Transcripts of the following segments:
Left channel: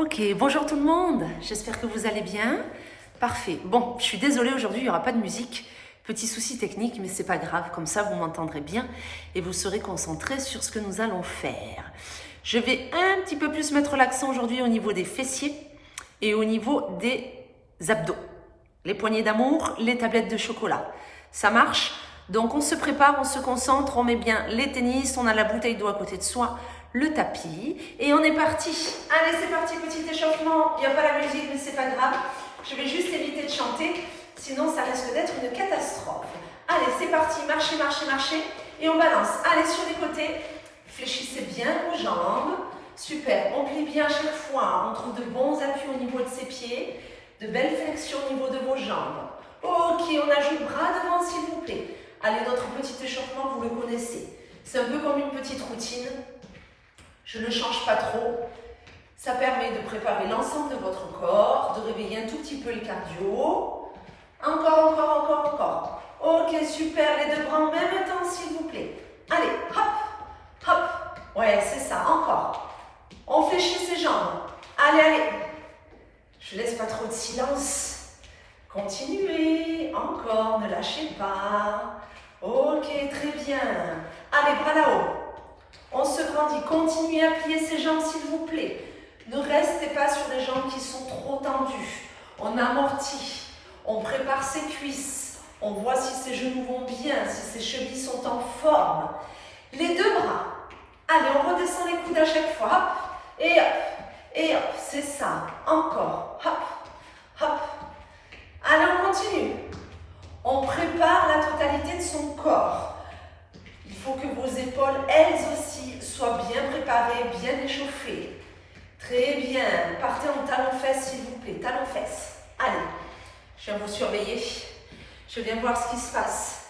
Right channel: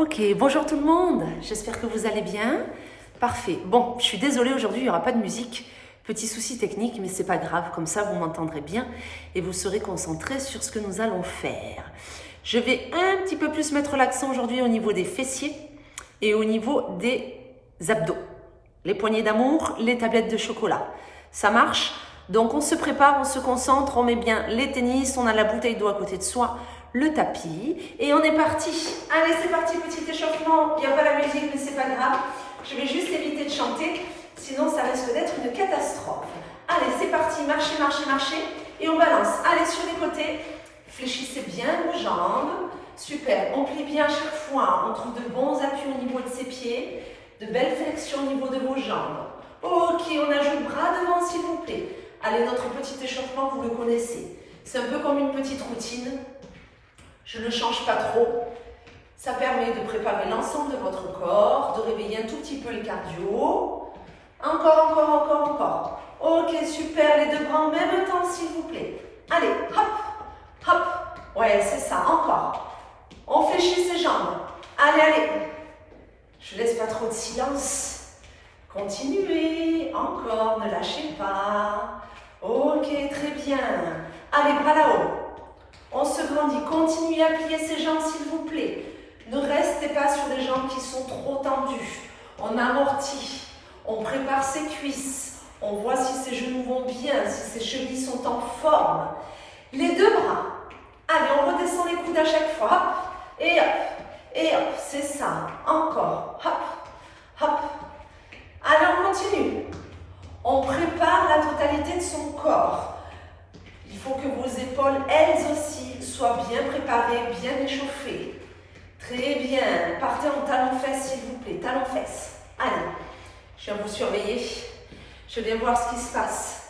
Ok, bonjour tout le monde, j'espère que vous allez bien. Parfait. Bon, je suis désolée, aujourd'hui il n'y aura pas de musique. Petit souci technique, mais c'est pas grave, comme ça vous m'entendrez bien et vous serez concentrés sur ce que nous allons faire. Je vais un petit peu plus mettre l'accent aujourd'hui au niveau des fessiers et au niveau des abdos. Les poignées d'amour, les tablettes de chocolat. Ça marche? Donc on se prépare, on se concentre, on met bien les tennis, on a la bouteille d'eau à côté de soi, le tapis et on est parti. Allez, c'est parti, petit échauffement. Il n'y a pas la musique, mais c'est pas grave. Je vais juste éviter de chanter, sinon ça risque d'être une catastrophe. Allez, c'est parti, marchez, marchez, marchez et on balance. Allez, sur les côtés, fléchissez bien vos jambes. Super, on plie bien à chaque fois. On trouve de bons appuis au niveau de ses pieds, de belles flexions au niveau de vos jambes. Ok, on ajoute bras devant s'il vous plaît. Allez, notre petit échauffement, vous le connaissez. C'est un peu comme une petite routine. Je ne change pas trop. Ça permet de préparer l'ensemble de votre corps, de réveiller un tout petit peu les cardio. Encore, encore, encore, encore. Ok, super. Les deux bras en même temps, s'il vous plaît. Allez, hop, hop. Ouais, c'est ça, encore. On fléchit ses jambes. Allez, allez. Je laisse pas trop de silence. Continuez. Encore, ne lâchez pas. Ok, très bien. Allez, bras là-haut. On se grandit. Continuez à plier ses jambes, s'il vous plaît. Ne restez pas sur des jambes qui sont trop tendues. On amortit. On prépare ses cuisses. On voit si ses genoux vont bien, si ses chevilles sont en forme. Les deux bras. Allez, on redescend les coudes à chaque fois. Hop, et hop, et hop. C'est ça. Encore. Hop, hop. Allez, on continue. On prépare la totalité de son corps. Il faut que vos épaules, elles aussi, soient bien préparées, bien échauffées. Très bien. Partez en talons-fesses, s'il vous plaît. Talons-fesses. Allez, je viens vous surveiller. Je viens voir ce qui se passe.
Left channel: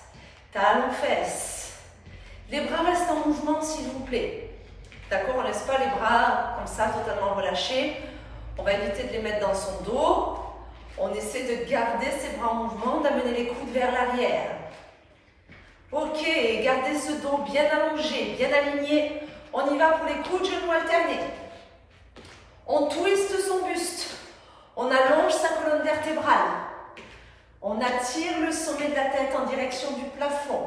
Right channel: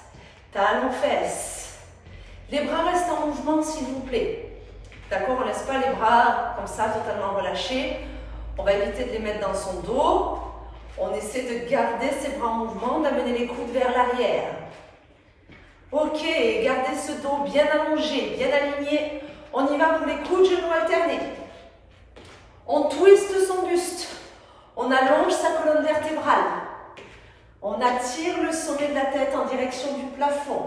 Talons-fesses. Les bras restent en mouvement, s'il vous plaît. D'accord, on ne laisse pas les bras comme ça, totalement relâchés. On va éviter de les mettre dans son dos. On essaie de garder ses bras en mouvement, d'amener les coudes vers l'arrière. Ok, gardez ce dos bien allongé, bien aligné. On y va pour les coudes, genoux alternés. On twiste son buste. On allonge sa colonne vertébrale. On attire le sommet de la tête en direction du plafond.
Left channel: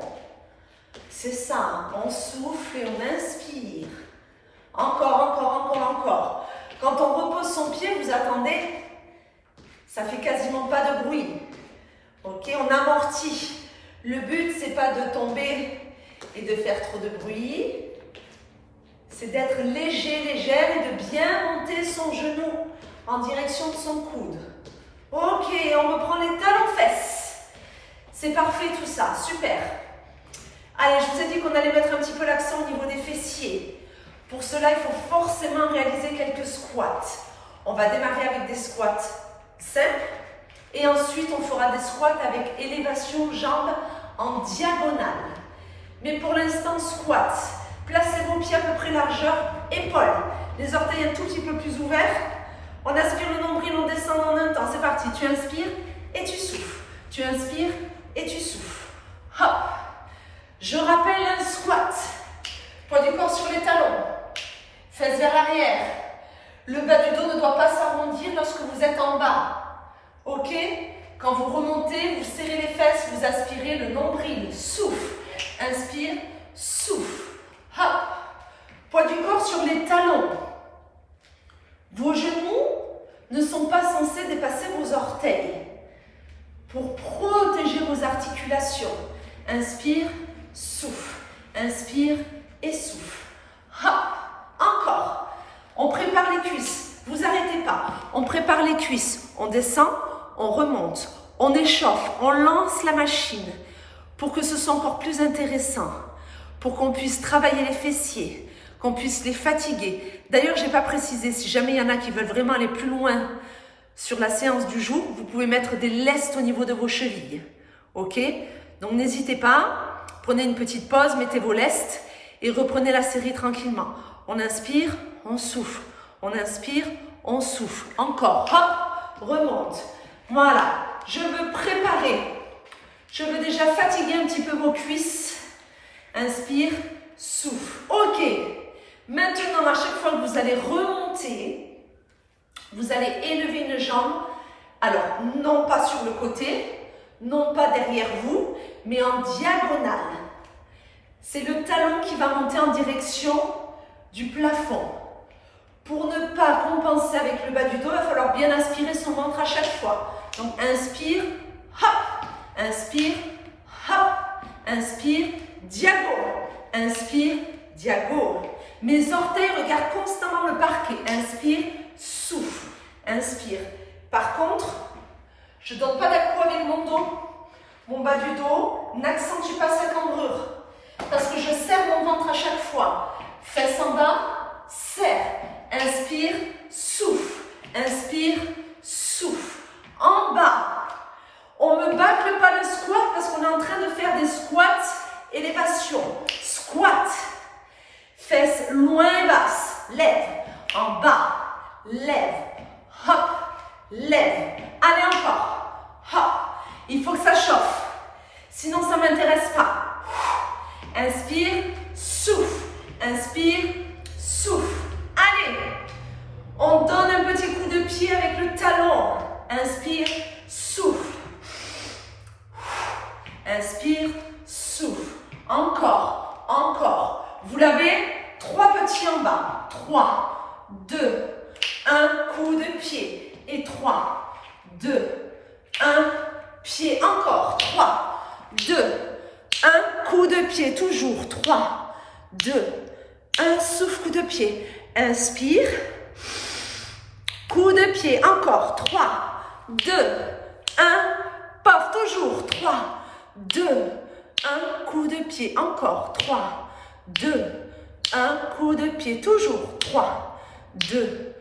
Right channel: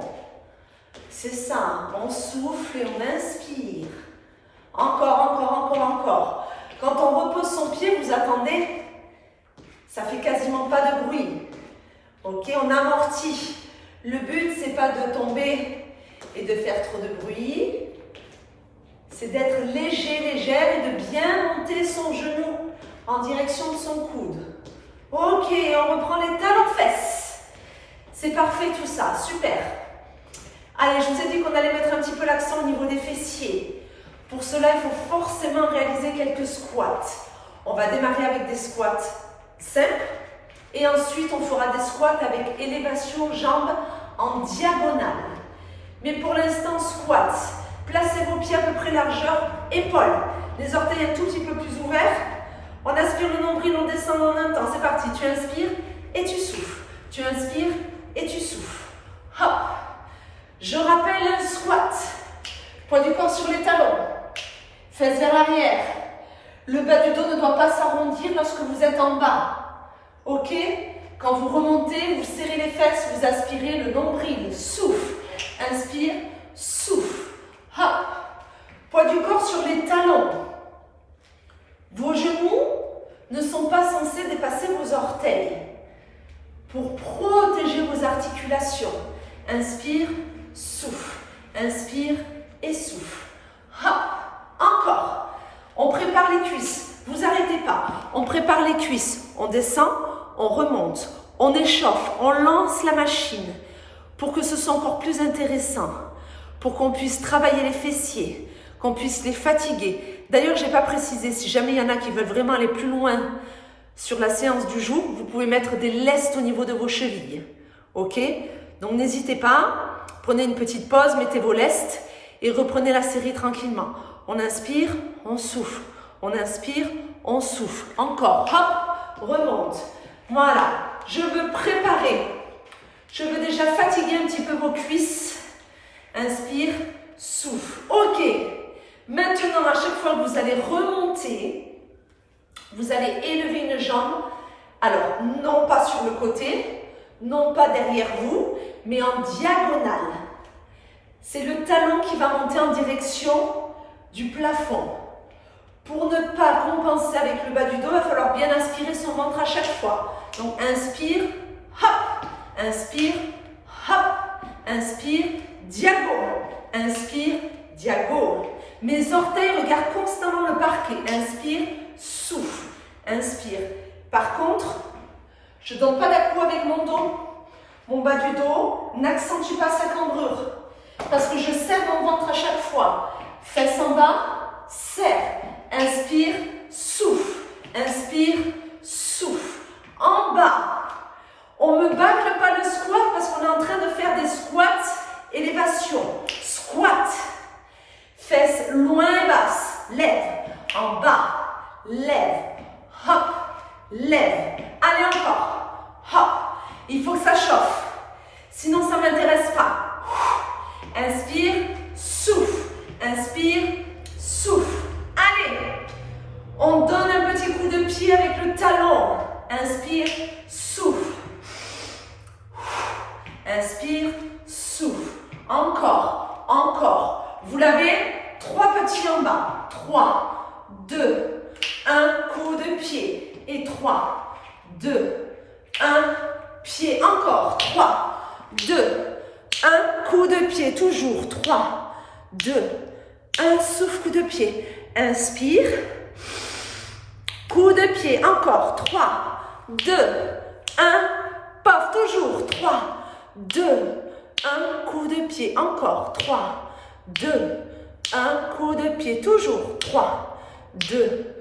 C'est ça, on souffle et on inspire. Encore, encore, encore, encore. Quand on repose son pied, vous attendez, ça fait quasiment pas de bruit. Ok, on amortit. Le but, c'est pas de tomber et de faire trop de bruit. C'est d'être léger, légère et de bien monter son genou en direction de son coude. Ok, on reprend les talons-fesses. C'est parfait tout ça, super. Allez, je vous ai dit qu'on allait mettre un petit peu l'accent au niveau des fessiers. Pour cela, il faut forcément réaliser quelques squats. On va démarrer avec des squats simples. Et ensuite, on fera des squats avec élévation jambes en diagonale. Mais pour l'instant, squat. Placez vos pieds à peu près largeur épaules. Les orteils un tout petit peu plus ouverts. On aspire le nombril, on descend en un temps. C'est parti. Tu inspires et tu souffles. Tu inspires et tu souffles. Hop. Je rappelle un squat. Poids du corps sur les talons. Fesses vers l'arrière. Le bas du dos ne doit pas s'arrondir lorsque vous êtes en bas. Ok? Quand vous remontez, vous serrez les fesses, vous aspirez le nombril. Souffle. Inspire, souffle. Hop. Poids du corps sur les talons. Vos genoux ne sont pas censés dépasser vos orteils. Pour protéger vos articulations. Inspire, souffle. Inspire et souffle. Hop. Encore. On prépare les cuisses. Vous arrêtez pas. On prépare les cuisses. On descend. On remonte, on échauffe, on lance la machine pour que ce soit encore plus intéressant, pour qu'on puisse travailler les fessiers, qu'on puisse les fatiguer. D'ailleurs, je n'ai pas précisé, si jamais il y en a qui veulent vraiment aller plus loin sur la séance du jour, vous pouvez mettre des lestes au niveau de vos chevilles. Ok? Donc n'hésitez pas, prenez une petite pause, mettez vos lestes et reprenez la série tranquillement. On inspire, on souffle. On inspire, on souffle. Encore, hop, remonte. Voilà, je veux préparer, je veux déjà fatiguer un petit peu vos cuisses. Inspire, souffle. Ok, maintenant à chaque fois que vous allez remonter, Vous allez élever une jambe, alors non pas sur le côté, non pas derrière vous, mais en diagonale. C'est le talon qui va monter en direction du plafond. Pour ne pas compenser avec le bas du dos, il va falloir bien inspirer son ventre à chaque fois. Donc inspire, hop, inspire, hop, inspire, diago, inspire, diago. Mes orteils regardent constamment le parquet. Inspire, souffle, inspire. Par contre, je ne donne pas d'appui avec mon dos. Mon bas du dos n'accentue pas sa cambrure. Parce que je serre mon ventre à chaque fois. Fesses en bas, serre. Inspire, souffle. Inspire, souffle. En bas, on ne me bâcle pas le squat parce qu'on est en train de faire des squats élévation. Squat. Fesses loin et basses. Lève. En bas. Lève. Hop. Lève. Allez encore. Hop. Il faut que ça chauffe. Sinon, ça ne m'intéresse pas. Inspire. Souffle. Inspire. Souffle. Allez. On donne un petit coup de pied avec le talon. Inspire. Souffle. Inspire. Souffle. Encore. Encore. Vous l'avez, 3 petits en bas. 3, 2, 1, coup de pied. Et 3, 2, 1, pied. Encore. 3, 2, 1, coup de pied. Toujours. 3, 2, 1, souffle, coup de pied. Inspire. Coup de pied. Encore. 3, 2, 1, pof. Toujours. 3, 2, 1, coup de pied. Encore. 3, 2, 1, coup de pied. Toujours. 3, 2,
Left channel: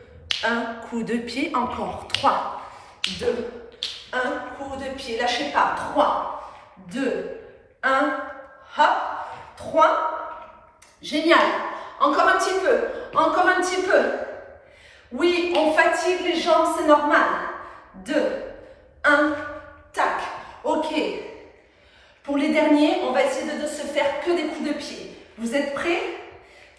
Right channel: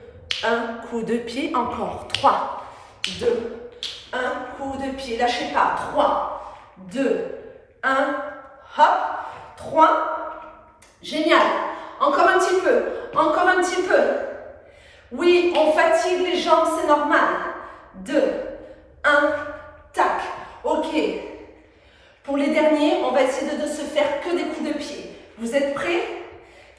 1, coup de pied. Encore. 3, 2, 1, coup de pied. Lâchez pas. 3, 2, 1, hop. 3. Génial. Encore un petit peu. Encore un petit peu. Oui, on fatigue les jambes, c'est normal. 2, 1, tac. Ok. Pour les derniers, on va essayer de ne se faire que des coups de pied. Vous êtes prêts?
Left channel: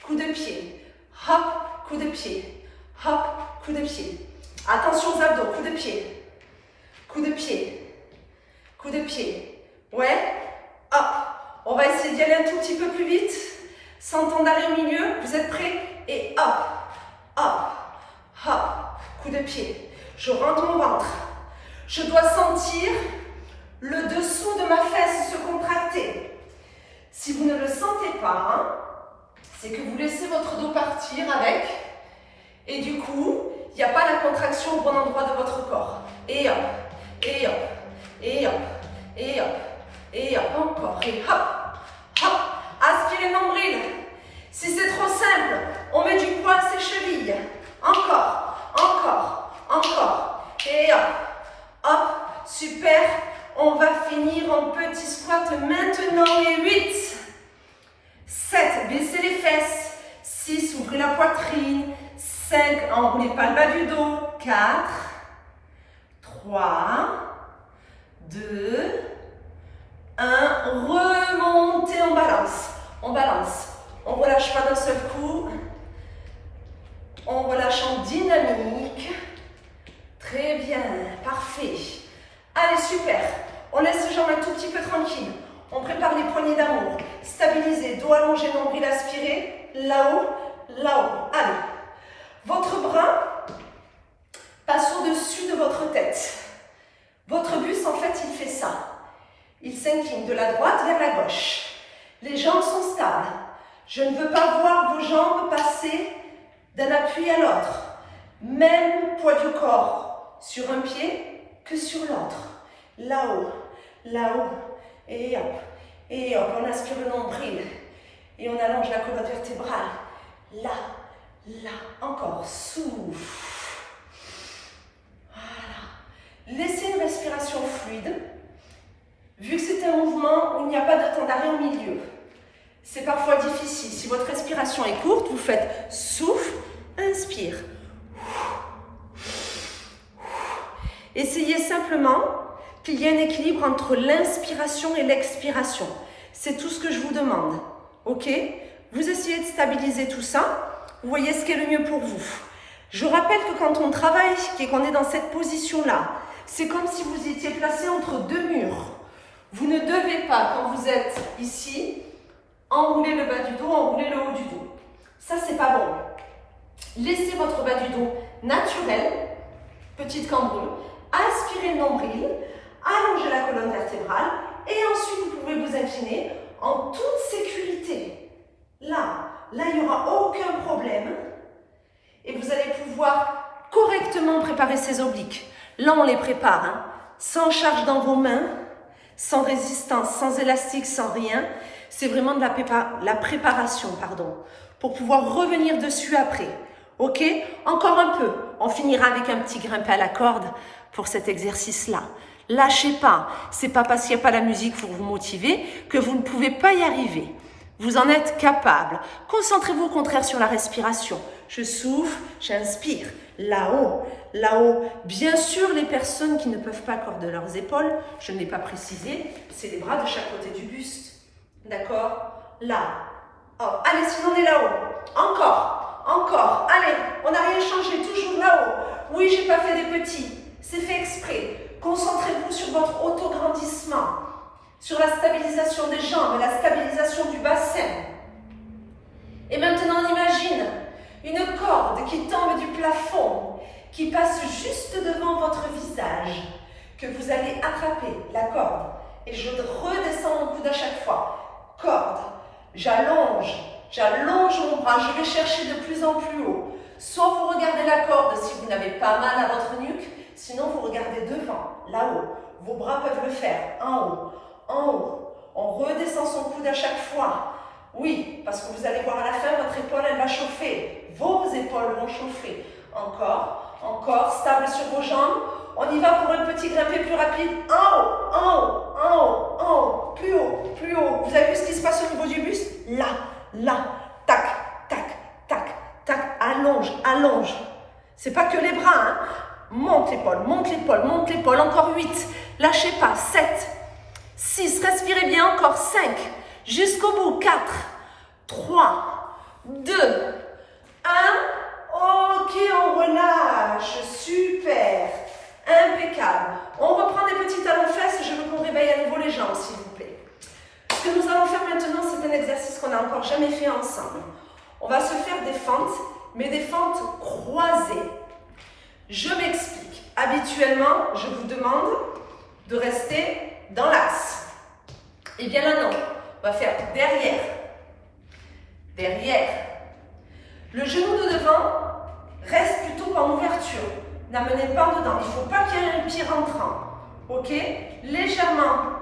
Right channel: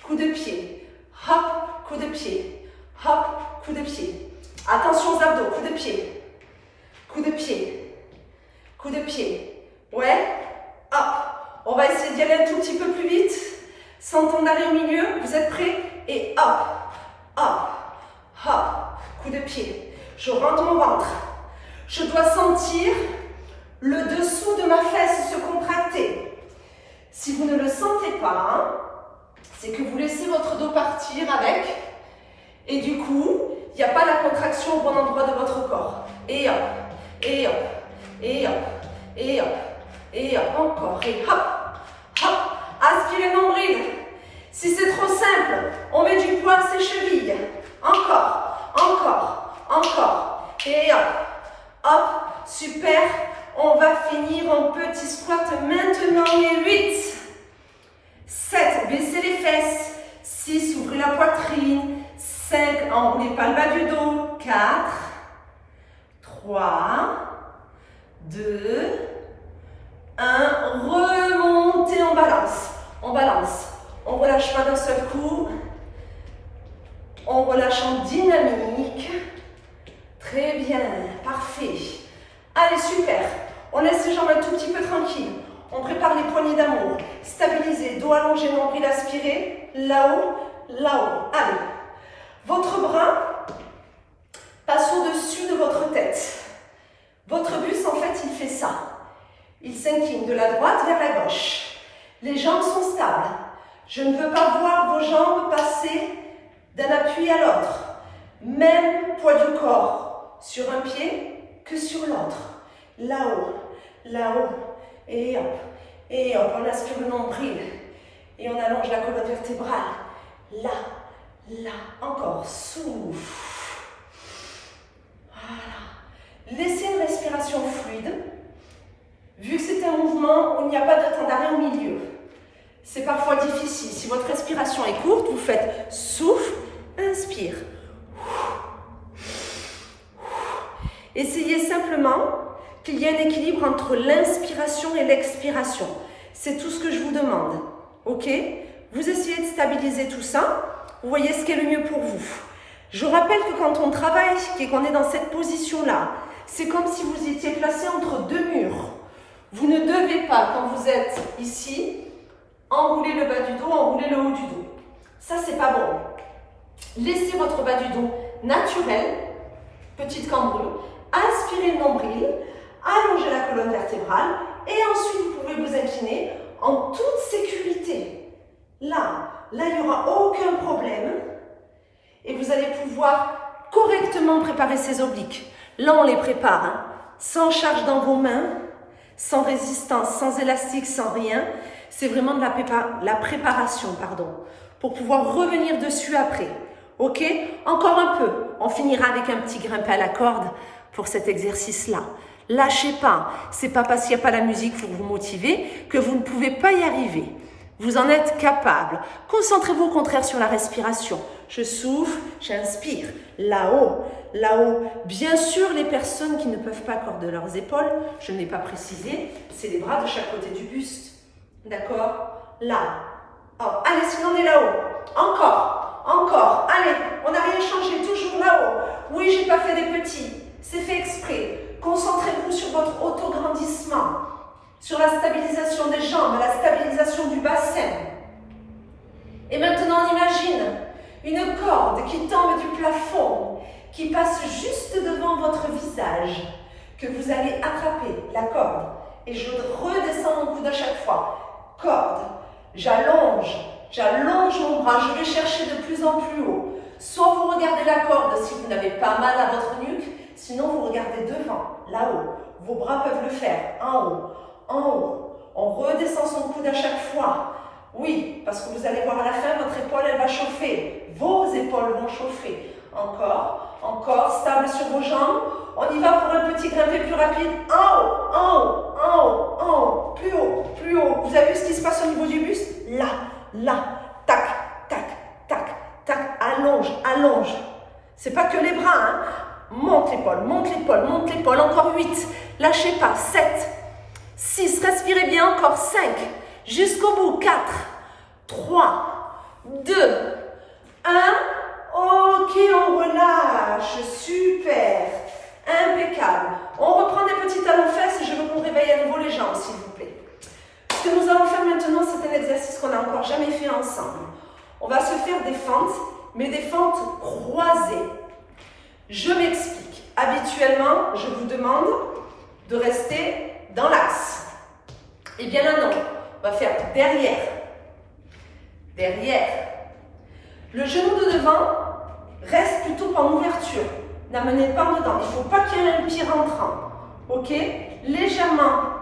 Coup de pied. Hop, coup de pied. Hop, coup de pied. Attention aux abdos, coup de pied. Coup de pied. Coup de pied. Ouais. Hop. On va essayer d'y aller un tout petit peu plus vite. Sans temps d'arrêt au milieu. Vous êtes prêts? Et hop. Hop. Hop. Coup de pied. Je rentre mon ventre. Je dois sentir le dessous de ma fesse se contracter. Si vous ne le sentez pas, hein, c'est que vous laissez votre dos partir avec. Et du coup, il n'y a pas la contraction au bon endroit de votre corps. Et hop. Et hop. Et hop. Et hop. Et hop. Encore. Et hop. Hop. Aspirez le nombril. Si c'est trop simple, on met du poids à ses chevilles. Encore. Encore. Encore. Et hop. Hop. Super. On va finir en petit squat maintenant. Et 8. 7. Baissez les fesses. 6. Ouvrez la poitrine. 5. Enroulez pas le bas du dos. 4. 3. 2. 1. Remontez en balance. On balance. On ne relâche pas d'un seul coup. On relâche en dynamique. Très bien. Parfait. Allez, super. On laisse les jambes un tout petit peu tranquilles. On prépare les poignées d'amour. Stabilisez. Dos allongé, nombril aspiré. Là-haut, là-haut. Allez. Votre bras passe au-dessus de votre tête. Votre buste, en fait, il fait ça. Il s'incline de la droite vers la gauche. Les jambes sont stables. Je ne veux pas voir vos jambes passer d'un appui à l'autre. Même poids du corps sur un pied que sur l'autre. Là-haut, là-haut, et hop, on aspire le nombril. Et on allonge la colonne vertébrale. Là, là, encore, souffle. Voilà. Laissez une respiration fluide. Vu que c'est un mouvement où il n'y a pas de temps d'arrêt au milieu, c'est parfois difficile. Si votre respiration est courte, vous faites souffle, inspire. Essayez simplement qu'il y ait un équilibre entre l'inspiration et l'expiration. C'est tout ce que je vous demande. Ok? Vous essayez de stabiliser tout ça. Vous voyez ce qui est le mieux pour vous. Je rappelle que quand on travaille et qu'on est dans cette position-là, c'est comme si vous étiez placé entre deux murs. Vous ne devez pas, quand vous êtes ici, enrouler le bas du dos, enrouler le haut du dos. Ça, c'est pas bon. Laissez votre bas du dos naturel, petite cambrure, aspirez le nombril, allongez la colonne vertébrale et ensuite vous pouvez vous incliner en toute sécurité. Là, il n'y aura aucun problème et vous allez pouvoir correctement préparer ces obliques. Là, on les prépare, hein, sans charge dans vos mains, sans résistance, sans élastique, sans rien. C'est vraiment de la préparation, pour pouvoir revenir dessus après. Ok? Encore un peu. On finira avec un petit grimpé à la corde pour cet exercice-là. Lâchez pas. C'est pas parce qu'il n'y a pas la musique pour vous motiver que vous ne pouvez pas y arriver. Vous en êtes capable. Concentrez-vous au contraire sur la respiration. Je souffle, j'inspire. Là-haut, là-haut. Bien sûr, les personnes qui ne peuvent pas accorder leurs épaules, je ne l'ai pas précisé, c'est les bras de chaque côté du buste. D'accord? Là. Oh. Allez, sinon on est là-haut. Encore. Allez, on n'a rien changé, toujours là-haut. Oui, j'ai pas fait des petits. C'est fait exprès. Concentrez-vous sur votre autograndissement, sur la stabilisation des jambes, la stabilisation du bassin. Et maintenant, on imagine une corde qui tombe du plafond, qui passe juste devant votre visage, que vous allez attraper la corde. Et je redescends mon coude à chaque fois. Corde. J'allonge mon bras, je vais chercher de plus en plus haut. Soit vous regardez la corde si vous n'avez pas mal à votre nuque, sinon vous regardez devant, là-haut. Vos bras peuvent le faire, en haut. On redescend son coude à chaque fois. Oui, parce que vous allez voir à la fin, votre épaule, elle va chauffer. Vos épaules vont chauffer. Encore, stable sur vos jambes. On y va pour un petit grimpé plus rapide. En haut, plus haut. Vous avez vu ce qui se passe au niveau du buste? Là, tac, allonge. C'est pas que les bras, hein. Monte l'épaule. Encore 8. Lâchez pas. 7, 6. Respirez bien. Encore 5. Jusqu'au bout. 4, 3, 2, 1. Ok, on relâche. Super. Impeccable. On reprend des petits talons-fesses. Je veux qu'on réveille à nouveau les jambes, s'il vous plaît. Ce que nous allons faire maintenant, c'est un exercice qu'on n'a encore jamais fait ensemble. On va se faire des fentes, mais des fentes croisées. Je m'explique. Habituellement, je vous demande de rester dans l'axe. Eh bien là, non. On va faire derrière. Le genou de devant reste plutôt en ouverture. N'amenez pas en dedans. Il ne faut pas qu'il y ait un pied rentrant. Ok? Légèrement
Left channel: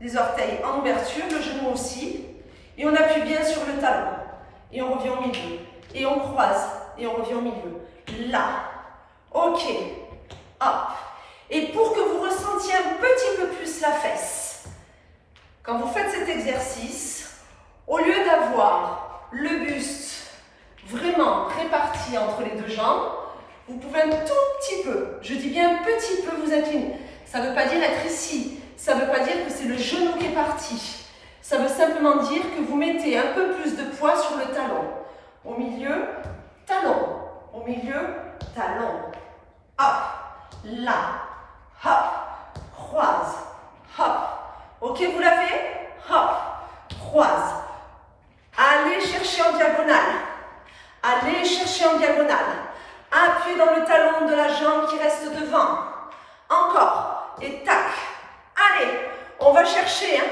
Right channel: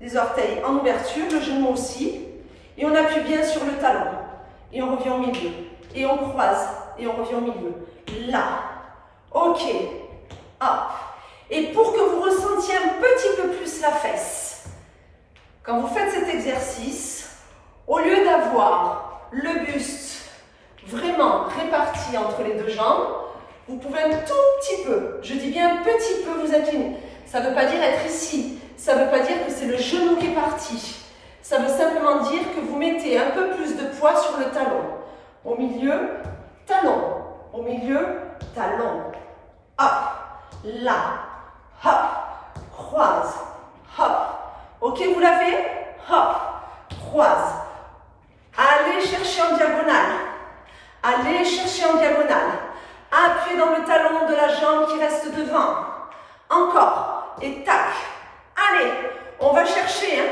les orteils en ouverture, le genou aussi. Et on appuie bien sur le talon. Et on revient au milieu. Et on croise. Et on revient au milieu. Là. Ok. Hop. Et pour que vous ressentiez un petit peu plus la fesse, quand vous faites cet exercice, au lieu d'avoir le buste vraiment réparti entre les deux jambes, vous pouvez un tout petit peu, je dis bien un petit peu, vous incliner. Ça ne veut pas dire être ici. Ça ne veut pas dire que c'est le genou qui est parti. Ça veut simplement dire que vous mettez un peu plus de poids sur le talon. Au milieu, talon. Au milieu, talon. Hop, là, hop, croise, hop. Ok, vous l'avez? Hop, croise. Allez chercher en diagonale. Appuyez dans le talon de la jambe qui reste devant. Encore. Et tac. Allez, on va chercher. Hein.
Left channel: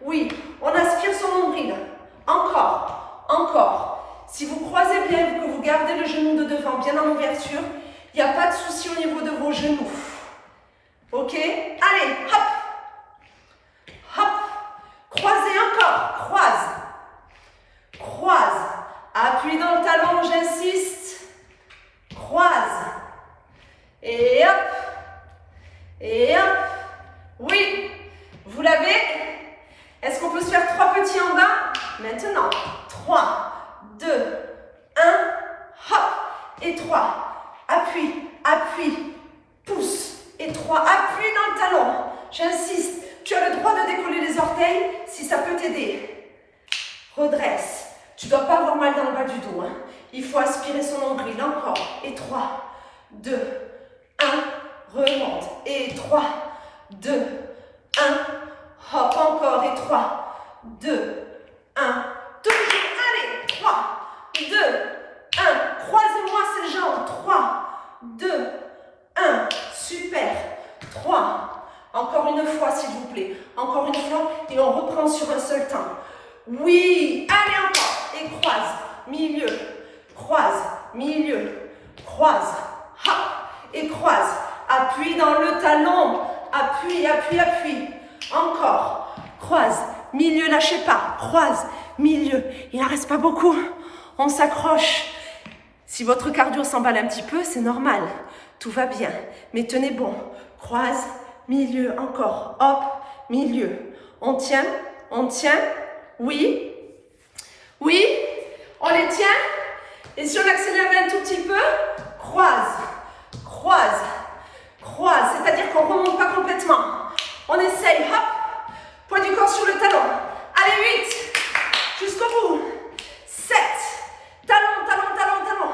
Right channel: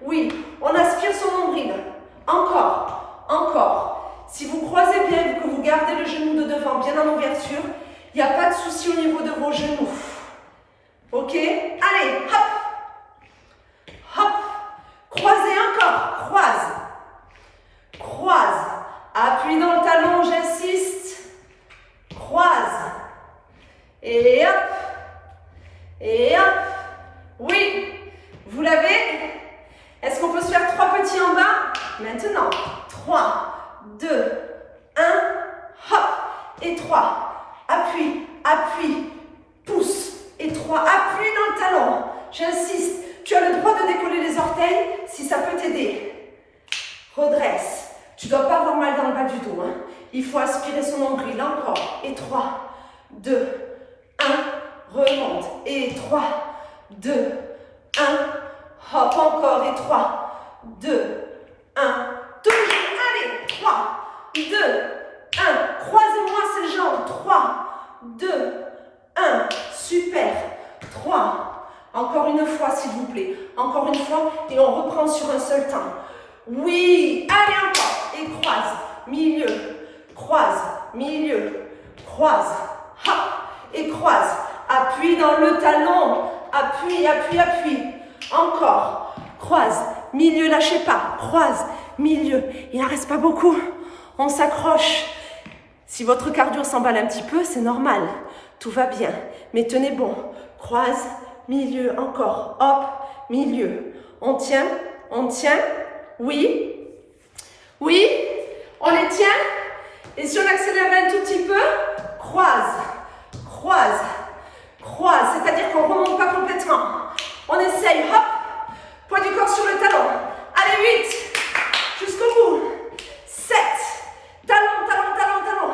Oui, on aspire son nombril. Encore. Si vous croisez bien, que vous gardez le genou de devant bien en ouverture, il n'y a pas de souci au niveau de vos genoux. Ok? Allez, hop. Croisez encore. Croise. Appuie dans le talon, j'insiste. Croise. Et hop. Oui. Vous l'avez? Est-ce qu'on peut se faire 3 petits en bas? Maintenant. 3, 2, 1. Hop. Et 3. Appuie. Pousse. Et 3. Appuie dans le talon. J'insiste. Tu as le droit de décoller les orteils si ça peut t'aider. Redresse. Tu ne dois pas avoir mal dans le bas du dos. Hein. Il faut aspirer son nombril. Encore. Et 3, 2, 1. Remonte. Et 3, 2, 1. Hop, encore. Et 3, 2, 1. Toujours. Allez. 3, 2, 1. Croisez-moi ces jambes. 3, 2, 1. Super. 3. Encore une fois, s'il vous plaît. Encore une fois. Et on reprend sur un seul temps. Oui. Allez, encore. Et croise. Milieu. Croise. Milieu. Croise. Hop. Et croise. Appuie dans le talon. Appuie, appuie, appuie. Encore. Croise. Milieu, lâchez pas. Croise. Milieu. Il n'en reste pas beaucoup. On s'accroche. Si votre cardio s'emballe un petit peu, c'est normal. Tout va bien. Mais tenez bon. Croise. Milieu, encore, hop, milieu. On tient, oui, oui, on les tient. Et si on accélère un tout petit peu, croise, croise, croise. C'est-à-dire qu'on ne remonte pas complètement. On essaye, hop, poids du corps sur le talon. Allez, 8, jusqu'au bout. 7, talon, talon, talon, talon.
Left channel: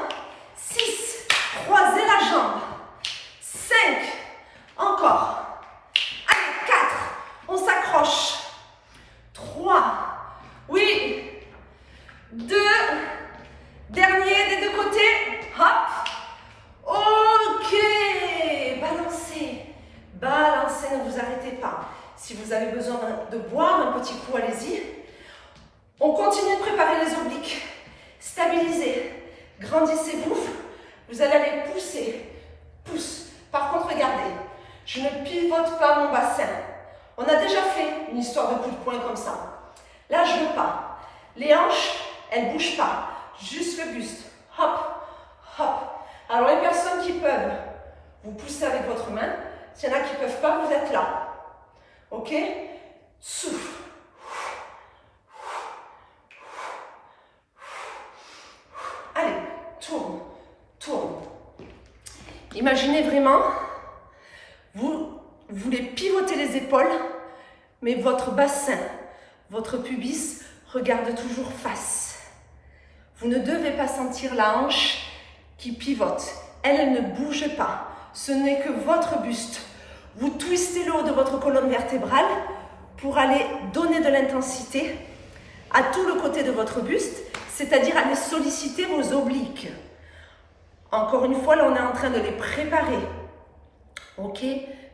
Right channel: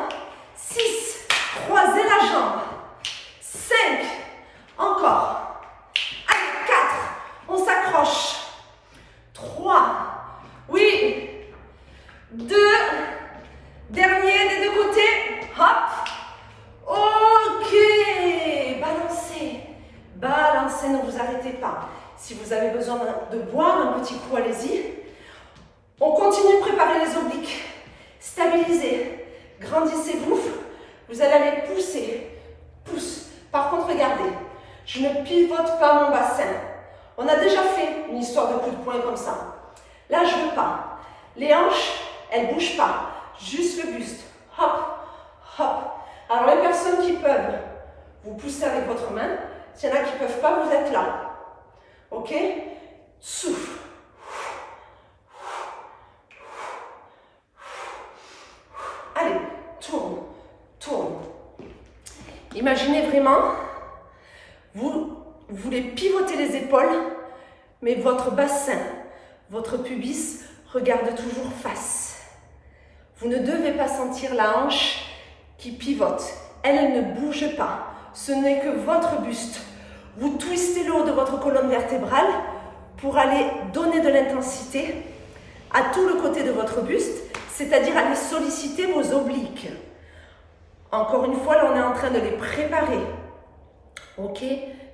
6, croisez la jambe. 5, encore. On s'accroche. 3. Oui. 2. Dernier des deux côtés. Hop. Ok. Balancez. Balancez, ne vous arrêtez pas. Si vous avez besoin de boire un petit coup, allez-y. On continue de préparer les obliques. Stabilisez. Grandissez-vous. Vous allez aller pousser. Pousse. Par contre, regardez. Je ne pivote pas mon bassin. On a déjà fait une histoire de coup de poing comme ça. Là, je ne veux pas. Les hanches, elles ne bougent pas. Juste le buste. Hop, hop. Alors, les personnes qui peuvent, vous poussez avec votre main. S'il y en a qui ne peuvent pas, vous êtes là. Ok? Souffle. Allez, tourne, tourne. Imaginez vraiment, vous voulez pivoter les épaules, mais votre bassin, votre pubis regarde toujours face. Vous ne devez pas sentir la hanche qui pivote. Elle ne bouge pas. Ce n'est que votre buste. Vous twistez le haut de votre colonne vertébrale pour aller donner de l'intensité à tout le côté de votre buste, c'est-à-dire aller solliciter vos obliques. Encore une fois, là, on est en train de les préparer. Ok?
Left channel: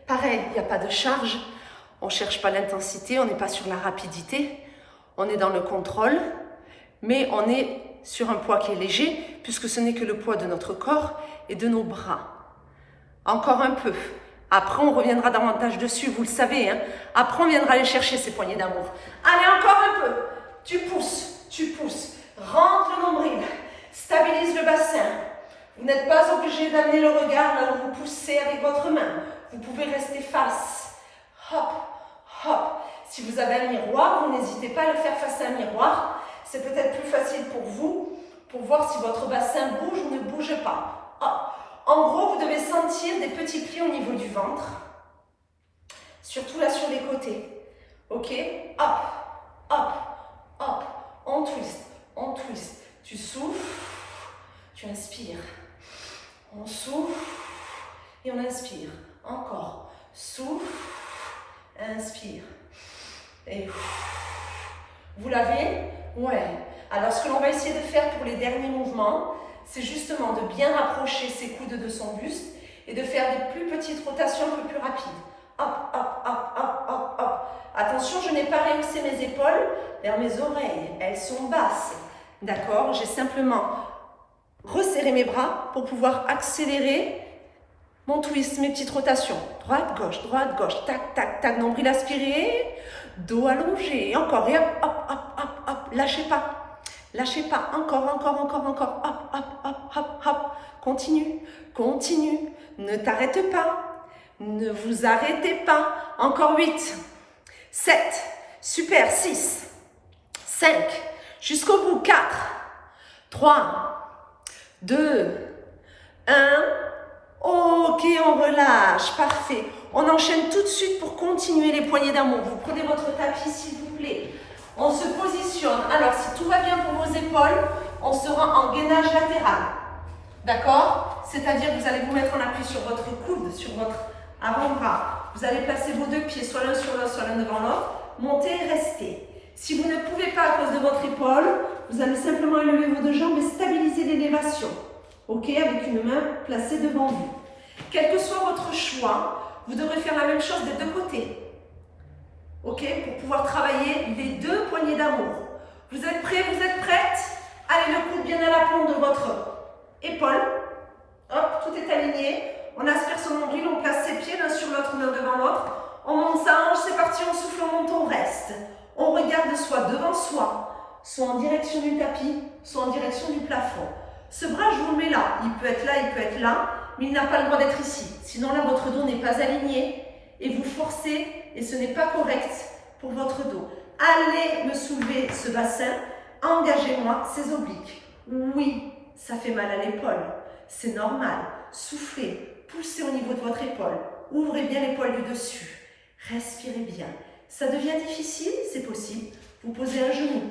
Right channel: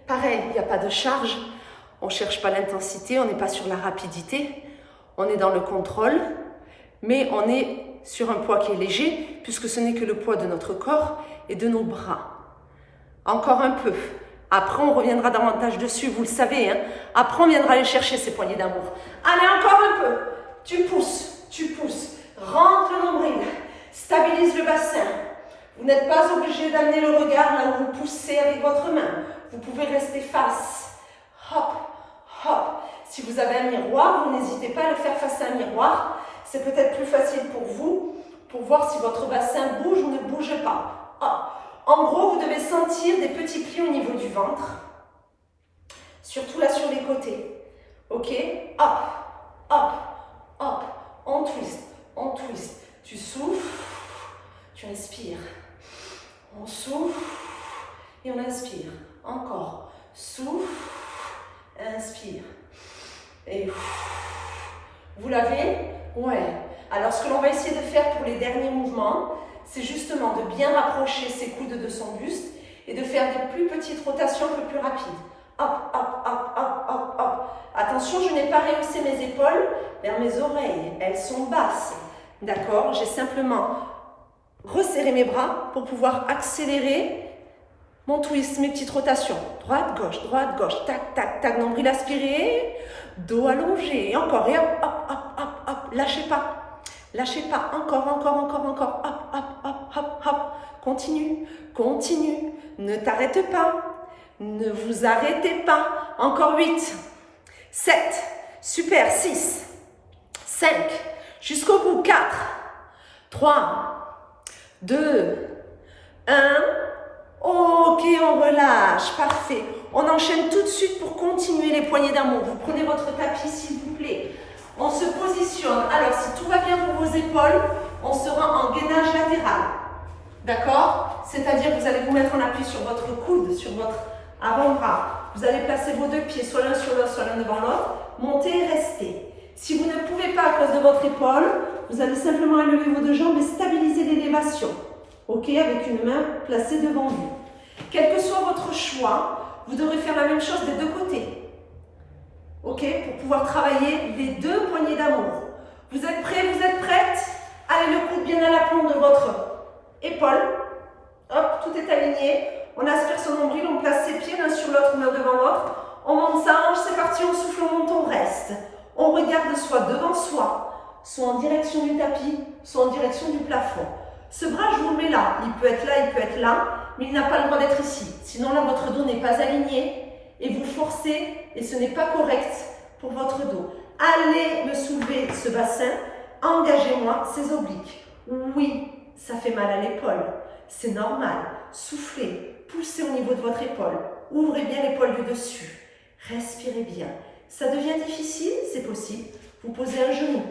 Pareil, il n'y a pas de charge. On ne cherche pas l'intensité, on n'est pas sur la rapidité. On est dans le contrôle, mais on est sur un poids qui est léger, puisque ce n'est que le poids de notre corps et de nos bras. Encore un peu. Après, on reviendra davantage dessus, vous le savez. Hein? Après, on viendra aller chercher ces poignées d'amour. Allez, encore un peu. Tu pousses, tu pousses. Rentre le nombril. Stabilise le bassin. Vous n'êtes pas obligé d'amener le regard là où vous poussez avec votre main. Vous pouvez rester face. Hop, hop. Si vous avez un miroir, vous n'hésitez pas à le faire face à un miroir. C'est peut-être plus facile pour vous, pour voir si votre bassin bouge ou ne bouge pas. Hop. En gros, vous devez sentir des petits plis au niveau du ventre. Surtout là sur les côtés. Ok? Hop, hop, hop. On twist, on twist. Tu souffles, tu inspires. On souffle et on inspire. Encore. Souffle, inspire. Et vous l'avez? Ouais. Alors, ce que l'on va essayer de faire pour les derniers mouvements, c'est justement de bien rapprocher ses coudes de son buste et de faire des plus petites rotations un peu plus rapides. Hop, hop, hop, hop, hop, hop. Attention, je n'ai pas rehaussé mes épaules vers mes oreilles. Elles sont basses. D'accord? J'ai simplement resserré mes bras pour pouvoir accélérer mon twist, mes petites rotations. Droite, gauche, tac, tac, tac. Nombril aspiré, dos allongé. Encore, et hop, hop, hop, hop, hop. Lâchez pas. Lâchez pas. Encore, encore, encore, encore. Hop, hop, hop, hop, hop. Continue, continue. Ne t'arrête pas. Ne vous arrêtez pas. Encore 8, 7, super, 6, 5, jusqu'au bout, 4, 3, 2, 1. Ok, on relâche, parfait. On enchaîne tout de suite pour continuer les poignées d'amour. Vous prenez votre tapis, s'il vous plaît. On se positionne. Alors, si tout va bien pour vos épaules, on sera en gainage latéral. D'accord? C'est-à-dire que vous allez vous mettre en appui sur votre coude, sur votre avant-bras. Vous allez placer vos deux pieds, soit l'un sur l'autre, soit l'un devant l'autre. Montez et restez. Si vous ne pouvez pas à cause de votre épaule, vous allez simplement élever vos deux jambes et stabiliser l'élévation. Ok? Avec une main placée devant vous. Quel que soit votre choix, vous devrez faire la même chose des deux côtés. Ok? Pour pouvoir travailler les deux poignées d'amour. Vous êtes prêts? Vous êtes prêtes? Allez, le coude bien à l'aplomb de votre épaule. Hop, tout est aligné. On aspire son nombril, on place ses pieds l'un sur l'autre, l'un devant l'autre. On monte sa hanche, c'est parti, on souffle, on monte, on reste. On regarde soit devant soi, soit en direction du tapis, soit en direction du plafond. Ce bras, je vous le mets là. Il peut être là, il peut être là, mais il n'a pas le droit d'être ici. Sinon là, votre dos n'est pas aligné et vous forcez et ce n'est pas correct pour votre dos. Allez me soulever ce bassin, engagez-moi ces obliques. Oui, ça fait mal à l'épaule, c'est normal. Soufflez, poussez au niveau de votre épaule, ouvrez bien l'épaule du dessus, respirez bien. Ça devient difficile, c'est possible, vous posez un genou.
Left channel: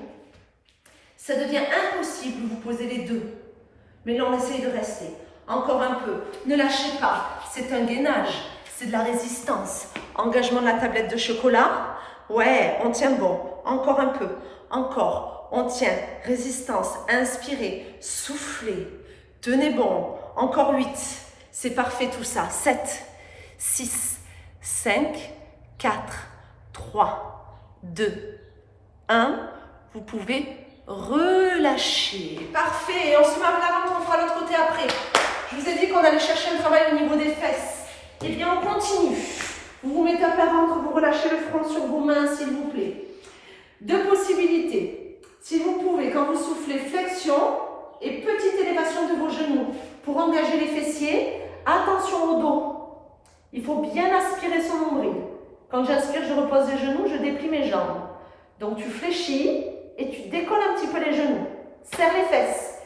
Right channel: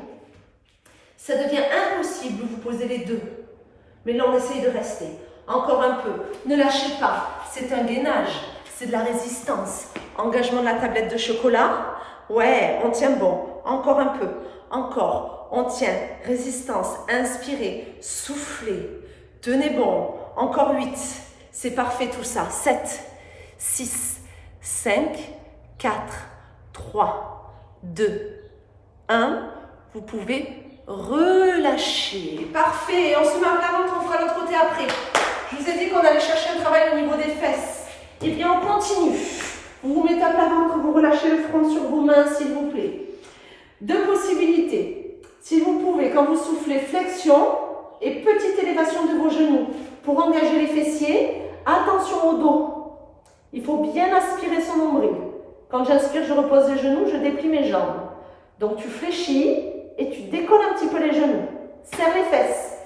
Ça devient impossible, vous posez les deux. Mais là, on essaye de rester. Encore un peu, ne lâchez pas, c'est un gainage, c'est de la résistance. Engagement de la tablette de chocolat. Ouais, on tient bon. Encore un peu. Encore. On tient. Résistance. Inspirez. Soufflez. Tenez bon. Encore 8. C'est parfait tout ça. 7, 6, 5, 4, 3, 2, 1. Vous pouvez relâcher. Parfait. On se met à plat ventre, on fera l'autre côté après. Je vous ai dit qu'on allait chercher un travail au niveau des fesses. Eh bien, on continue. Vous vous mettez à plat ventre, vous relâchez le front sur vos mains, s'il vous plaît. Deux possibilités. Si vous pouvez, quand vous soufflez, flexion et petite élévation de vos genoux pour engager les fessiers. Attention au dos. Il faut bien aspirer son nombril. Quand j'inspire, je repose les genoux, je déplie mes jambes. Donc, tu fléchis et tu décolles un petit peu les genoux. Serre les fesses.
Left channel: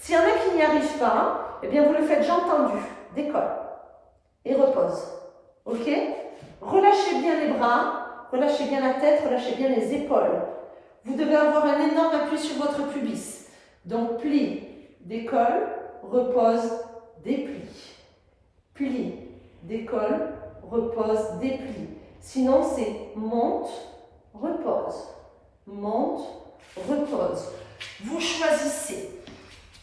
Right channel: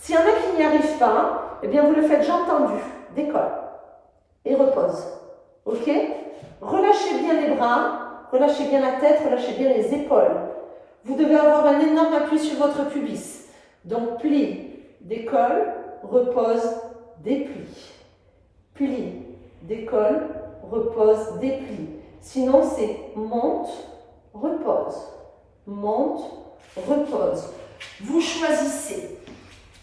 S'il y en a qui n'y arrivent pas, eh bien, vous le faites jambes tendues. Décolle. Et repose. Ok? Relâchez bien les bras, relâchez bien la tête, relâchez bien les épaules. Vous devez avoir un énorme appui sur votre pubis. Donc, plie, décolle, repose, déplie. Plie, décolle, repose, déplie. Sinon, c'est monte, repose. Monte, repose. Vous choisissez.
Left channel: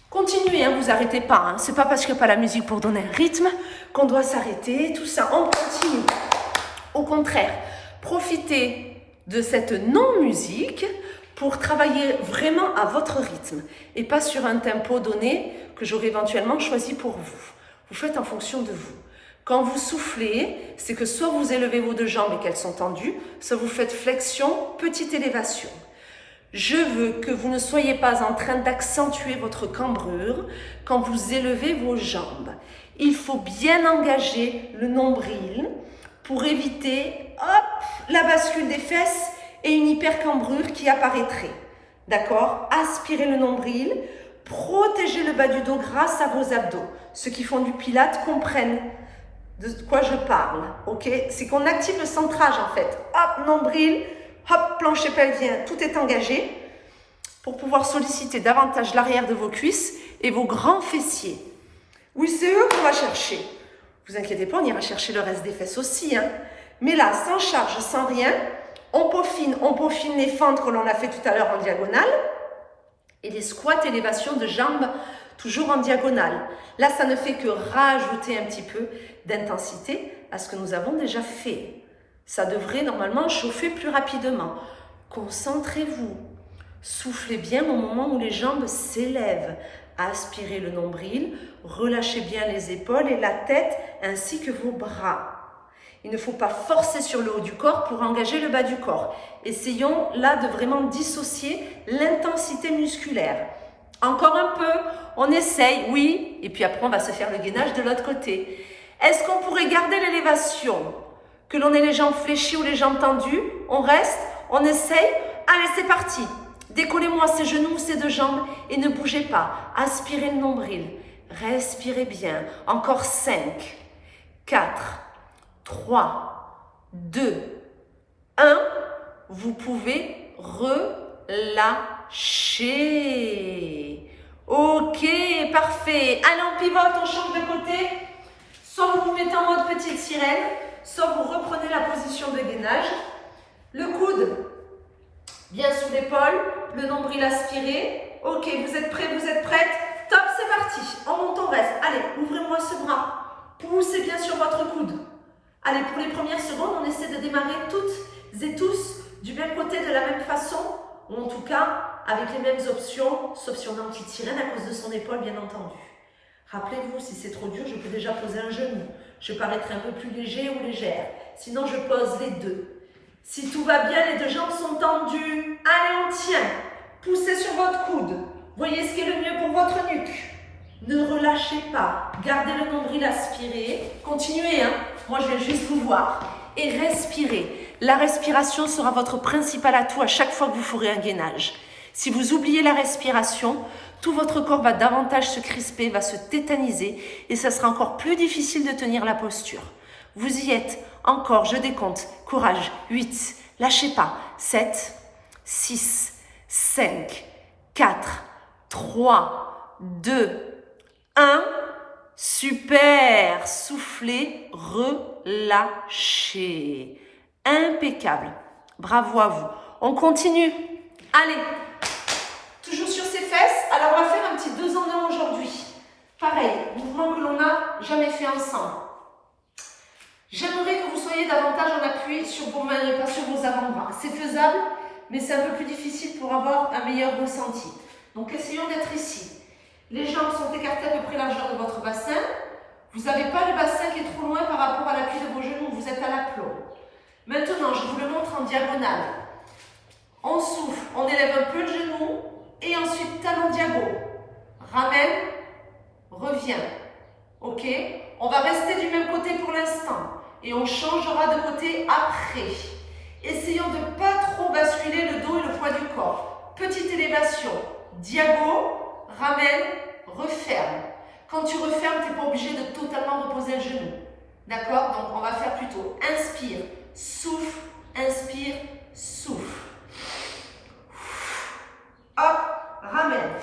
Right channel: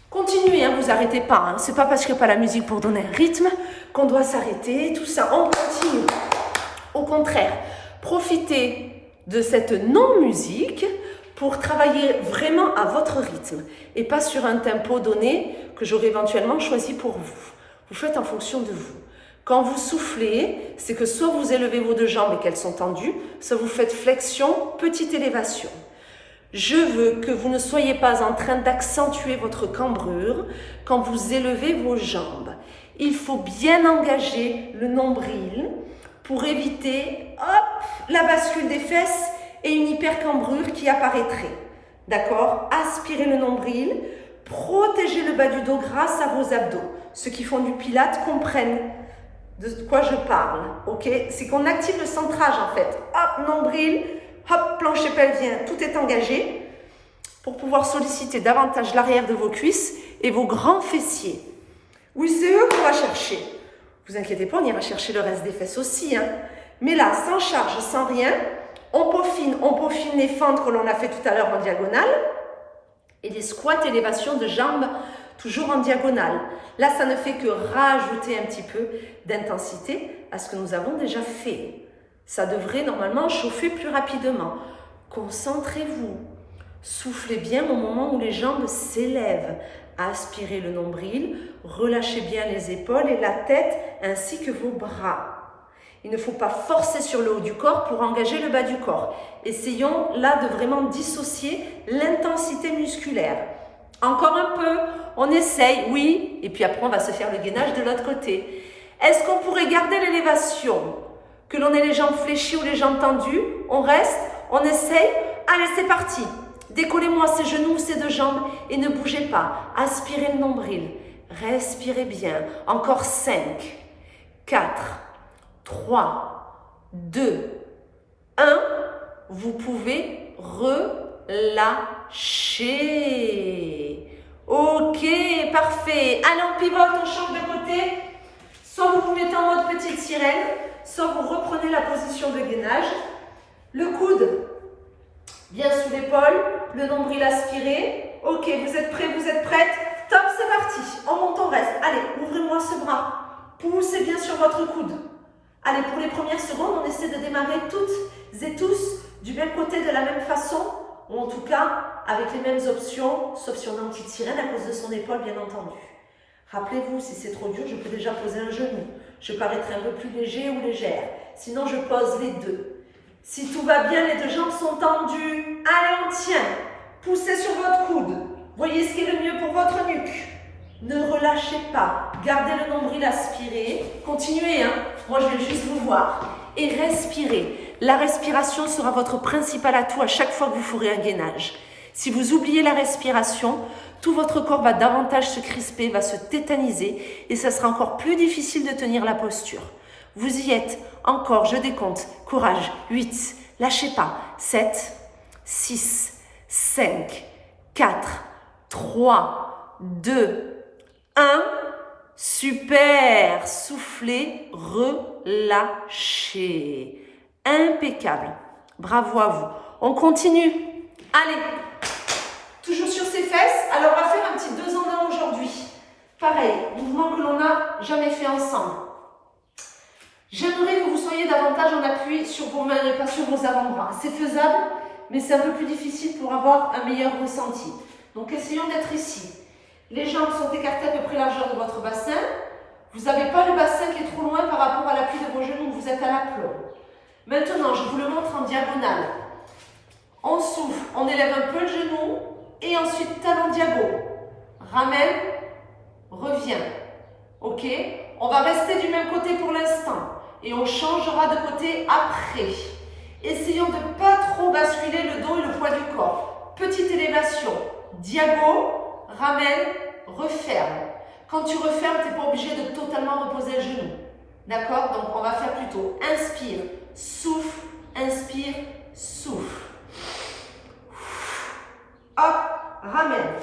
Continuez, hein, vous arrêtez pas. Hein. C'est pas parce qu'il n'y a pas la musique pour donner un rythme qu'on doit s'arrêter. Tout ça, on continue. Au contraire, profitez de cette non-musique pour travailler vraiment à votre rythme et pas sur un tempo donné que j'aurais éventuellement choisi pour vous. Vous faites en fonction de vous. Quand vous soufflez, c'est que soit vous élevez vos deux jambes et qu'elles sont tendues, soit vous faites flexion, petite élévation. Je veux que vous ne soyez pas en train d'accentuer votre cambrure quand vous élevez vos jambes. Il faut bien engager le nombril pour éviter la bascule des fesses et une hypercambrure qui apparaîtrait. D'accord? Aspirez le nombril, protégez le bas du dos grâce à vos abdos. Ceux qui font du pilate comprennent de quoi je parle. Ok? C'est qu'on active le centrage en fait. Hop, nombril. Hop, plancher pelvien, tout est engagé pour pouvoir solliciter davantage l'arrière de vos cuisses et vos grands fessiers. Oui, c'est eux qu'on va chercher. Vous inquiétez pas, on ira chercher le reste des fesses aussi. Hein. Mais là, sans charge, sans rien, on peaufine les fentes que l'on a fait tout à l'heure en diagonale et les squats, élévation de jambes toujours en diagonale. Là, ça ne fait que rajouter un petit peu d'intensité à ce que nous avons déjà fait. Ça devrait normalement chauffer plus rapidement. Concentrez-vous. Soufflez bien au moment où les jambes s'élèvent. Aspirez le nombril, relâchez bien les épaules et la tête ainsi que vos bras. Il ne faut pas forcer sur le haut du corps pour engager le bas du corps. Essayons là de vraiment dissocier l'intensité musculaire. Encore un peu, on essaye, oui, et puis après on va se faire le gainage de l'autre côté. Est-ce qu'on pourrait garder l'élévation ? Que l'on ait les jambes fléchies ou les jambes tendues, on reste, on essaye. Allez, c'est parti. Décollez-moi ces genoux, ces deux jambes et ne bougez pas. Aspirez le nombril. Respirez bien. Encore 5, 4, 3, 2, 1. Vous pouvez relâcher. Ok, parfait. Allez, on pivote, on change de côté. Soit vous vous mettez en mode petite sirène, soit vous reprenez la position de gainage. Le coude bien sous l'épaule, le nombril aspiré. Ok, vous êtes prêts, vous êtes prêtes? Top, c'est parti. On monte, on reste. Allez, ouvrez-moi ce bras. Poussez bien sur votre coude. Allez, pour les premières secondes, on essaie de démarrer toutes et tous du même côté, de la même façon, ou en tout cas avec les mêmes options, sauf si on est en petite sirène à cause de son épaule, bien entendu. Rappelez-vous, si c'est trop dur, je peux déjà poser un genou. Je paraîtrai un peu plus léger ou légère. Sinon, je pose les deux. Si tout va bien, les deux jambes sont tendues. Allez, on tient. Poussez sur votre coude. Voyez ce qui est le mieux pour votre nuque. Ne relâchez pas. Gardez le nombril aspiré. Continuez, hein. Moi, je vais juste vous voir. Et respirez. La respiration sera votre principal atout à chaque fois que vous ferez un gainage. Si vous oubliez la respiration, tout votre corps va davantage se crisper, va se tétaniser et ça sera encore plus difficile de tenir la posture. Vous y êtes. Encore, je décompte. Courage. 8. Lâchez pas. 7, 6, 5, 4, 3, 2, 1. Super. Soufflez, relâchez. Impeccable. Bravo à vous. On continue. Allez. Toujours sur ses fesses. Alors, on va faire un petit 2 en 1 aujourd'hui. Pareil, mouvement que l'on n'a jamais fait ensemble. J'aimerais que vous soyez davantage en appui sur vos mains et pas sur vos avant-bras. C'est faisable, mais c'est un peu plus difficile pour avoir un meilleur ressenti. Donc, essayons d'être ici. Les jambes sont écartées à peu près la largeur de votre bassin. Vous n'avez pas le bassin qui est trop loin par rapport à l'appui de vos genoux. Vous êtes à l'aplomb. Maintenant, je vous le montre en diagonale. On souffle, on élève un peu le genou. Et ensuite, talon diago. Ramène, revient. Ok? On va rester du même côté pour l'instant. Et on changera de côté après. Essayons de ne pas trop basculer le dos et le poids du corps. Petite élévation. Diago, ramène, referme. Quand tu refermes, tu n'es pas obligé de totalement reposer le genou. D'accord? Donc, on va faire plutôt inspire, souffle, inspire, souffle. Hop, ramène,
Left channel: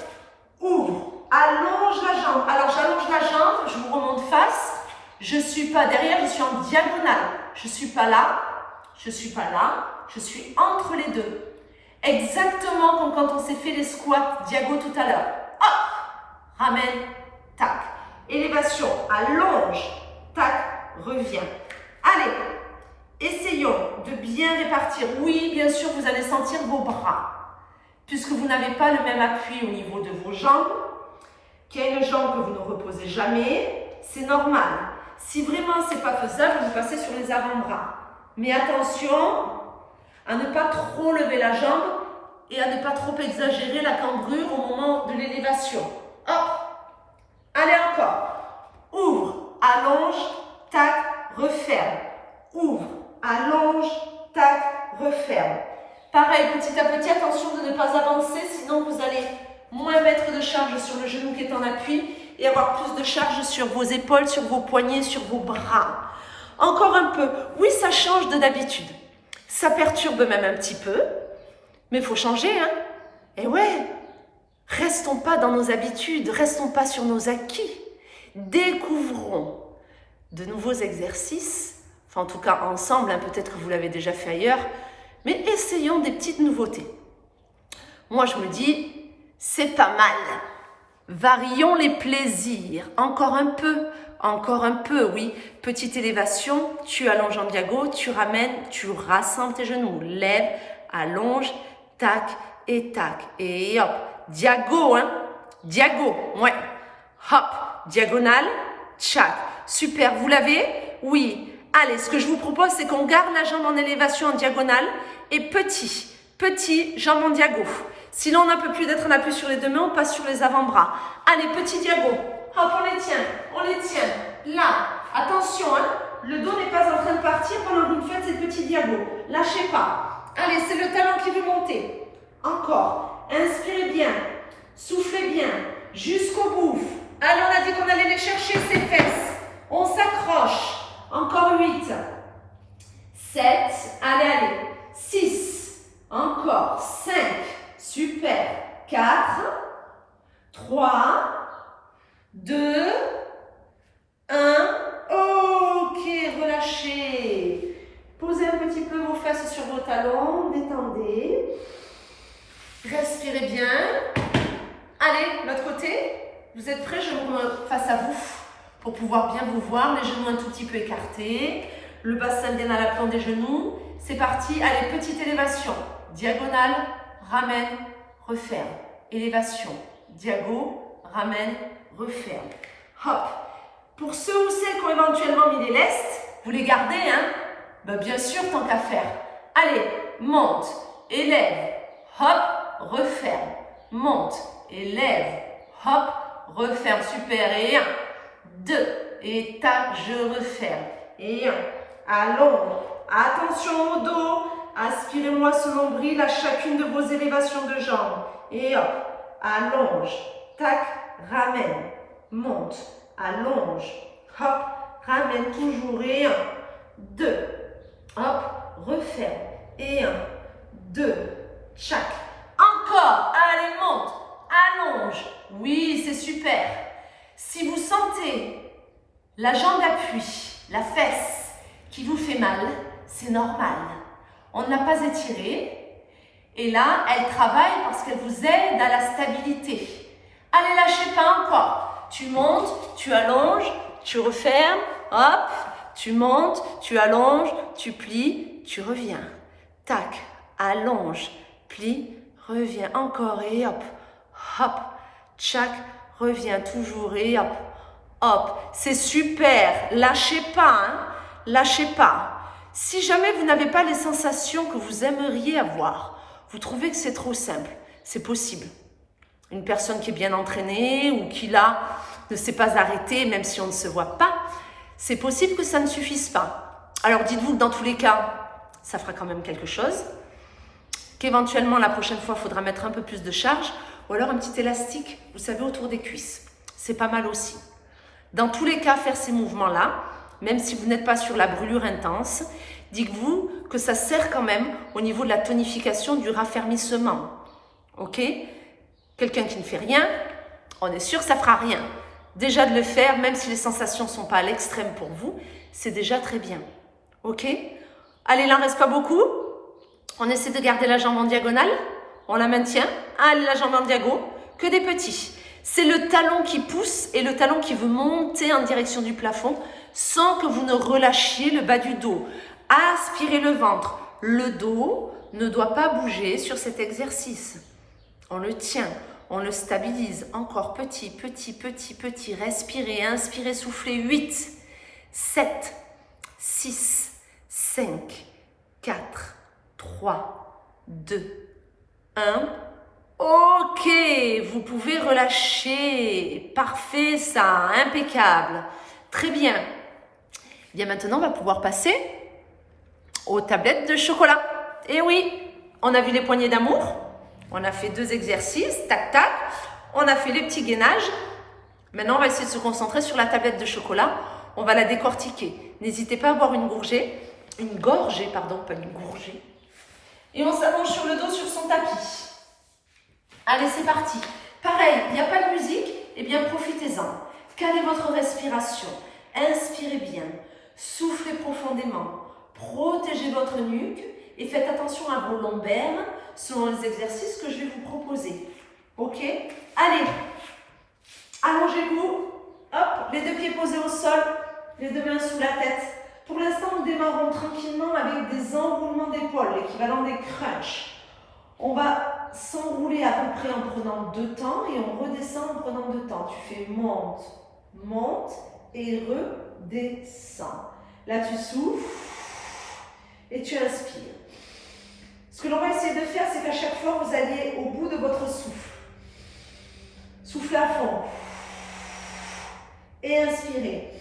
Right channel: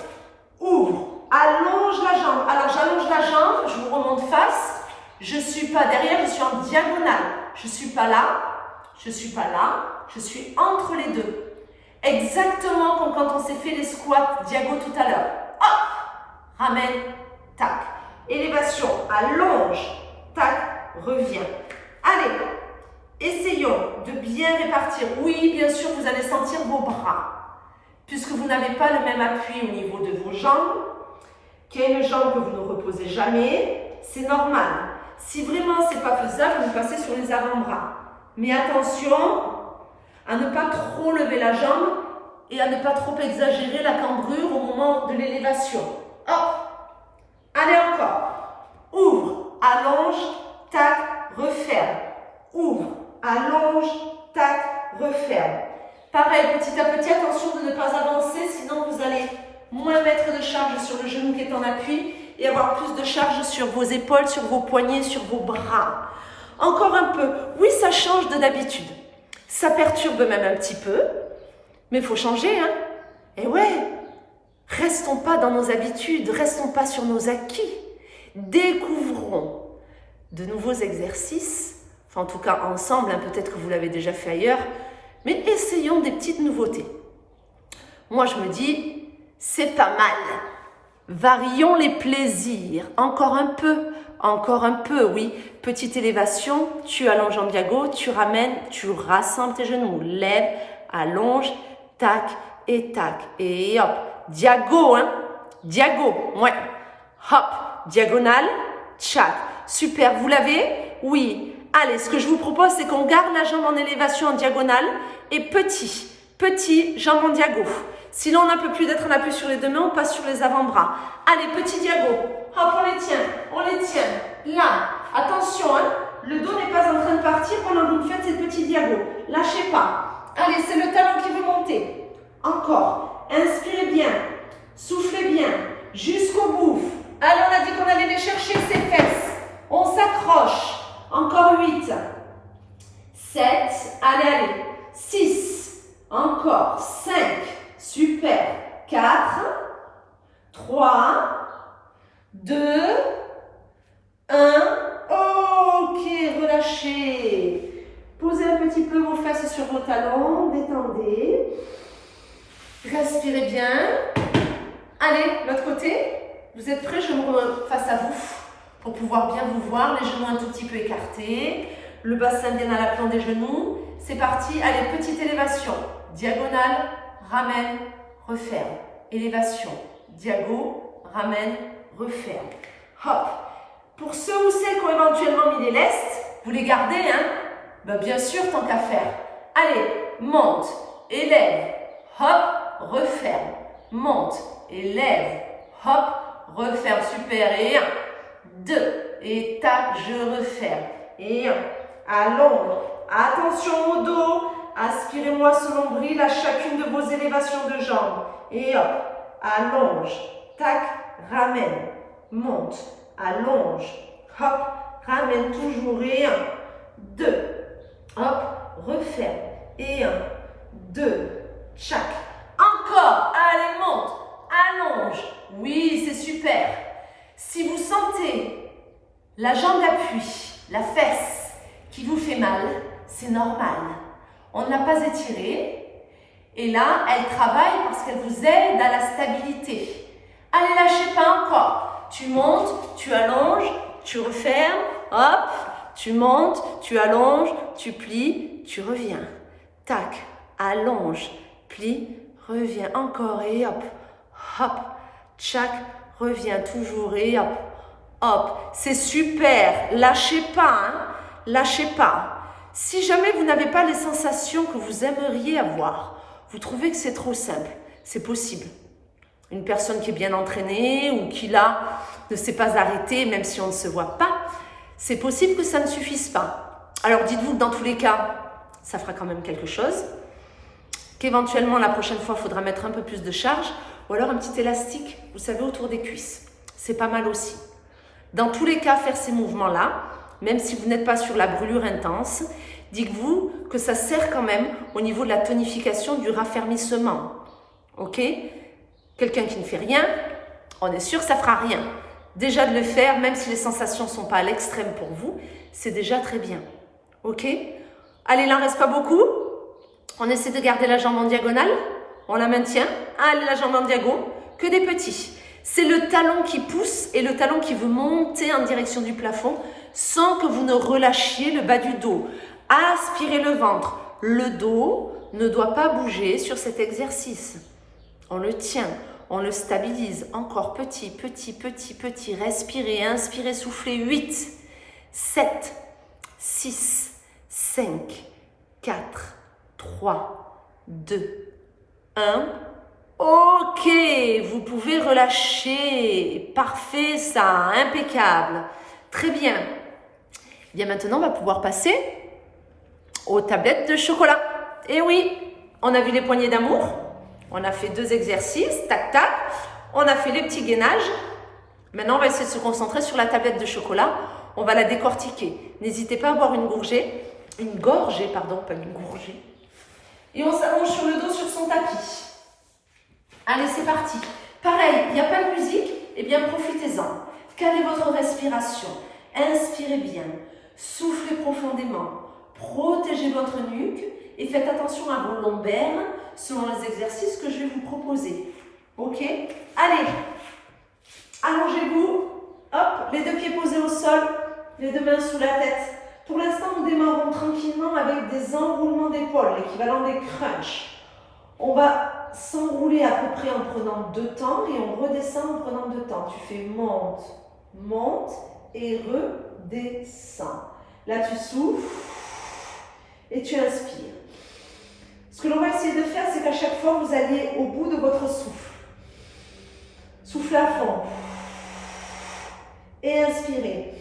ouvre, allonge la jambe. Alors, j'allonge la jambe, je vous remonte face. Je ne suis pas derrière, je suis en diagonale. Je ne suis pas là, je ne suis pas là, je suis entre les deux. Exactement comme quand on s'est fait les squats diago tout à l'heure. Hop, ramène, tac. Élévation, allonge, tac, reviens. Allez, essayons de bien répartir. Oui, bien sûr, vous allez sentir vos bras. Puisque vous n'avez pas le même appui au niveau de vos jambes, qu'il y a une jambe que vous ne reposez jamais, c'est normal. Si vraiment ce n'est pas faisable, vous passez sur les avant-bras. Mais attention à ne pas trop lever la jambe et à ne pas trop exagérer la cambrure au moment de l'élévation. Hop, allez encore. Ouvre, allonge, tac, referme. Ouvre, allonge, tac, referme. Pareil, petit à petit, attention de ne pas avancer, sinon vous allez moins mettre de charge sur le genou qui est en appui et avoir plus de charge sur vos épaules, sur vos poignets, sur vos bras. Encore un peu. Oui, ça change de d'habitude. Ça perturbe même un petit peu, mais il faut changer, hein. Et ouais, restons pas dans nos habitudes, restons pas sur nos acquis. Découvrons de nouveaux exercices, enfin en tout cas ensemble, hein, peut-être que vous l'avez déjà fait ailleurs, mais essayons des petites nouveautés. Moi, je me dis, c'est pas mal. Varions les plaisirs. Encore un peu, oui. Petite élévation, tu allonges en diago, tu ramènes, tu rassembles tes genoux. Lève, allonge, tac et tac. Et hop, diago, hein. Diago, ouais. Hop, diagonale, tchac. Super, vous l'avez? Oui. Allez, ce que je vous propose, c'est qu'on garde la jambe en élévation en diagonale et petit, jambe en diago. Si l'on n'a plus d'être en appui sur les deux mains, on passe sur les avant-bras. Allez, petit diago. Hop, on les tient. Là, attention, hein, le dos n'est pas en train de partir pendant que vous faites ces petits diagos. Lâchez pas. Allez, c'est le talon qui veut monter. Encore. Inspirez bien. Soufflez bien. Jusqu'au bout. Allez, on a dit qu'on allait les chercher, ces fesses. On s'accroche. Encore 8. 7. Allez. 6. Encore. 5. Super. 4. 3. fesses sur vos talons, détendez. Respirez bien. Allez, l'autre côté. Vous êtes prêts? Je me remets face à vous pour pouvoir bien vous voir. Les genoux un tout petit peu écartés. Le bassin bien à l'aplomb des genoux. C'est parti. Allez, petite élévation. Diagonale, ramène, referme. Élévation. Diago, ramène, referme. Hop. Pour ceux ou celles qui ont éventuellement mis des lestes, vous les gardez, hein? Ben, bien sûr, tant qu'à faire. Allez, monte, élève, hop, referme. Monte, élève, hop, referme. Super. Et 1, 2, et tac, je referme. Et 1, allonge. Attention au dos. Aspirez-moi ce nombril à chacune de vos élévations de jambes. Et hop, allonge. Tac, ramène. Monte, allonge. Hop, ramène toujours. Et 1, 2, hop, referme. Et 1, 2, tchac. Encore, allez, monte, allonge. Oui, c'est super. Si vous sentez la jambe d'appui, la fesse qui vous fait mal, c'est normal. On ne l'a pas étirée. Et là, elle travaille parce qu'elle vous aide à la stabilité. Allez, lâchez pas encore. Tu montes, tu allonges, tu refermes, hop. Tu montes, tu allonges, tu plies, tu reviens. Tac, allonge, plie, reviens. Encore et hop, hop, tchac, reviens toujours et hop, hop. C'est super, lâchez pas, hein, lâchez pas. Si jamais vous n'avez pas les sensations que vous aimeriez avoir, vous trouvez que c'est trop simple, c'est possible. Une personne qui est bien entraînée ou qui là ne s'est pas arrêtée, même si on ne se voit pas, c'est possible que ça ne suffise pas. Alors dites-vous que dans tous les cas, ça fera quand même quelque chose, qu'éventuellement la prochaine fois, il faudra mettre un peu plus de charge, ou alors un petit élastique, vous savez, autour des cuisses. C'est pas mal aussi. Dans tous les cas, faire ces mouvements-là, même si vous n'êtes pas sur la brûlure intense, dites-vous que ça sert quand même au niveau de la tonification, du raffermissement. Ok? Quelqu'un qui ne fait rien, on est sûr que ça fera rien. Déjà de le faire, même si les sensations ne sont pas à l'extrême pour vous, c'est déjà très bien. Ok? Allez, il n'en reste pas beaucoup. On essaie de garder la jambe en diagonale. On la maintient. Allez, la jambe en diago. Que des petits. C'est le talon qui pousse et le talon qui veut monter en direction du plafond sans que vous ne relâchiez le bas du dos. Aspirez le ventre. Le dos ne doit pas bouger sur cet exercice. On le tient. On le stabilise. Encore petit, petit, petit, petit. Respirez, inspirez, soufflez. 8, 7, 6, 5, 4, 3, 2, 1. Ok, vous pouvez relâcher. Parfait ça, impeccable. Très bien. Bien maintenant, on va pouvoir passer aux tablettes de chocolat. Et oui, on a vu les poignées d'amour. On a fait 2 exercices, tac, tac. On a fait les petits gainages. Maintenant, on va essayer de se concentrer sur la tablette de chocolat. On va la décortiquer. N'hésitez pas à boire une gorgée, pas une gorgée. Et on s'allonge sur le dos sur son tapis. Allez, c'est parti. Pareil, il n'y a pas de musique, eh bien profitez-en. Calez votre respiration. Inspirez bien. Soufflez profondément. Protégez votre nuque et faites attention à vos lombaires selon les exercices que je vais vous proposer. Ok? Allez, allongez-vous. Hop, les 2 pieds posés au sol, les 2 mains sous la tête. Pour l'instant, nous démarrons tranquillement avec des enroulements d'épaules, l'équivalent des crunchs. On va s'enrouler à peu près en prenant 2 temps et on redescend en prenant 2 temps. Tu fais monte, monte et redescends. Là, tu souffles et tu inspires. Ce que l'on va essayer de faire, c'est qu'à chaque fois, vous alliez au bout de votre souffle. Soufflez à fond. Et inspirez.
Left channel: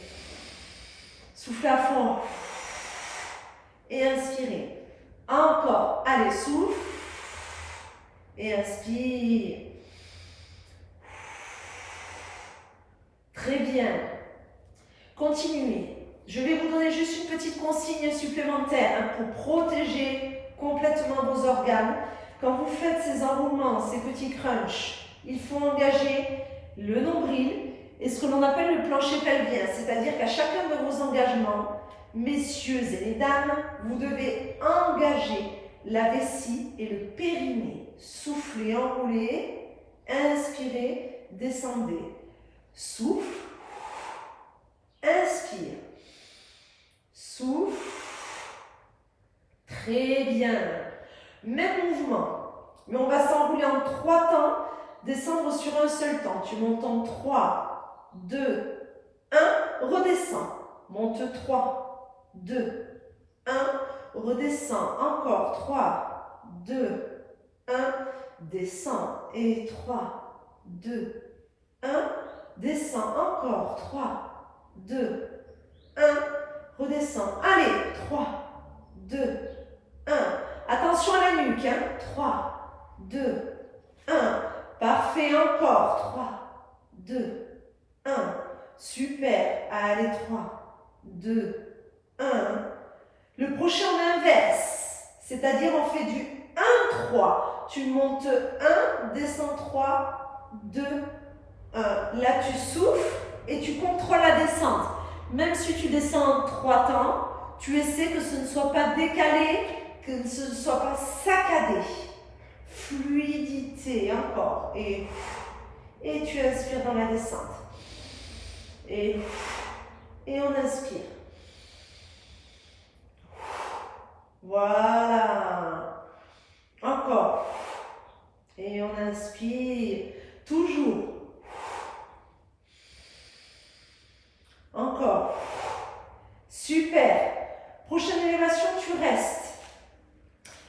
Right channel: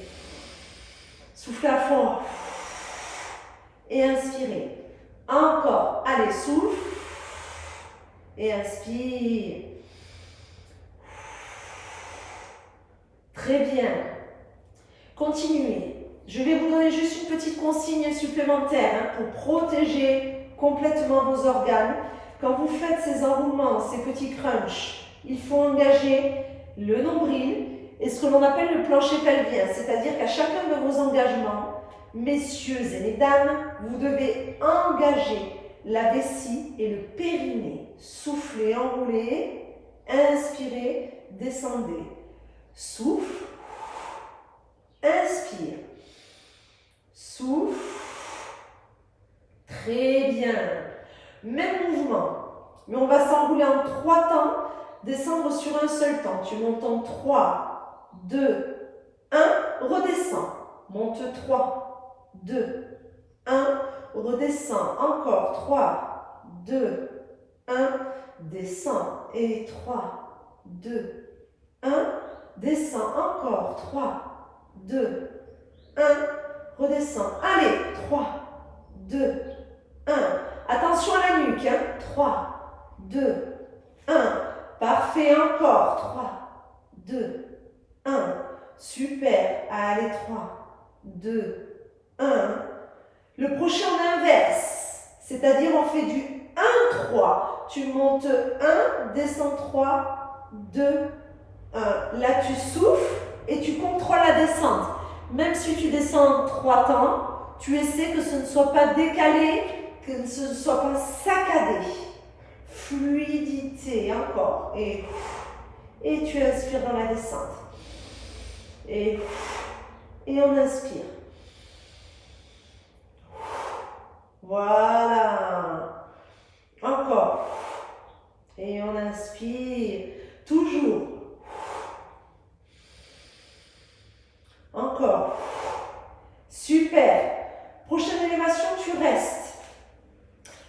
Soufflez à fond. Et inspirez. Encore. Allez, souffle. Et inspire. Très bien. Continuez. Je vais vous donner juste une petite consigne supplémentaire pour protéger complètement vos organes. Quand vous faites ces enroulements, ces petits crunchs, il faut engager le nombril et ce que l'on appelle le plancher pelvien. C'est-à-dire qu'à chacun de vos engagements, Messieurs et mesdames, vous devez engager la vessie et le périnée. Soufflez, enroulez, inspirez, descendez. Souffle, inspire, souffle. Très bien. Même mouvement, mais on va s'enrouler en 3 temps, descendre sur un seul temps. Tu montes en 3, 2, 1, redescends. Monte 3, 2, 1, redescends. Encore 3, 2, 1, descends. Et 3, 2, 1, descends. Encore 3, 2, 1, redescends. Allez, 3, 2, 1. Attention à la nuque, hein. 3, 2, 1. Parfait, encore. 3, 2, 1. Super. Allez, 3, 2, 1. Le prochain, on inverse. C'est-à-dire, on fait du 1, 3. Tu montes 1, descends 3, 2, 1. Là, tu souffles et tu contrôles la descente. Même si tu descends 3 temps, tu essaies que ce ne soit pas décalé, que ce ne soit pas saccadé. Fluidité, encore. Et tu inspires dans la descente. Et on inspire. Voilà. Encore. Et on inspire. Toujours. Encore. Super. Prochaine élévation, tu restes.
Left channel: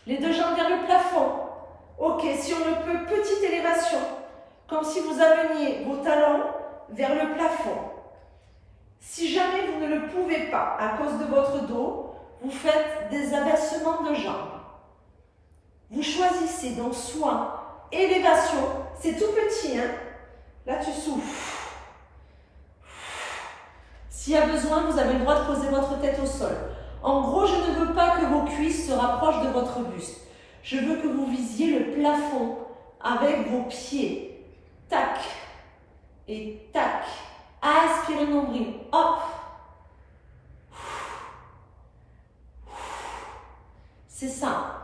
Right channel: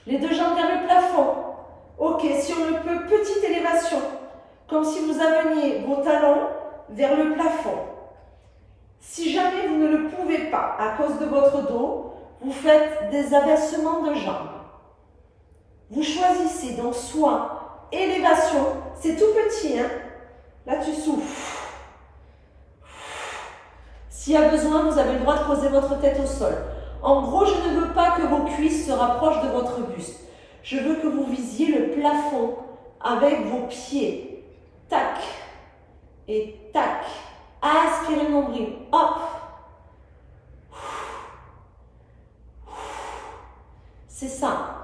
Les 2 jambes vers le plafond. Ok, si on le peut, petite élévation. Comme si vous ameniez vos talons vers le plafond. Si jamais vous ne le pouvez pas à cause de votre dos, vous faites des abaissements de jambes. Vous choisissez donc soit élévation, c'est tout petit, hein? Là tu souffles. S'il y a besoin, vous avez le droit de poser votre tête au sol. En gros, je ne veux pas que vos cuisses se rapprochent de votre buste. Je veux que vous visiez le plafond avec vos pieds. Tac et tac. Aspirez le nombril. Hop. C'est ça.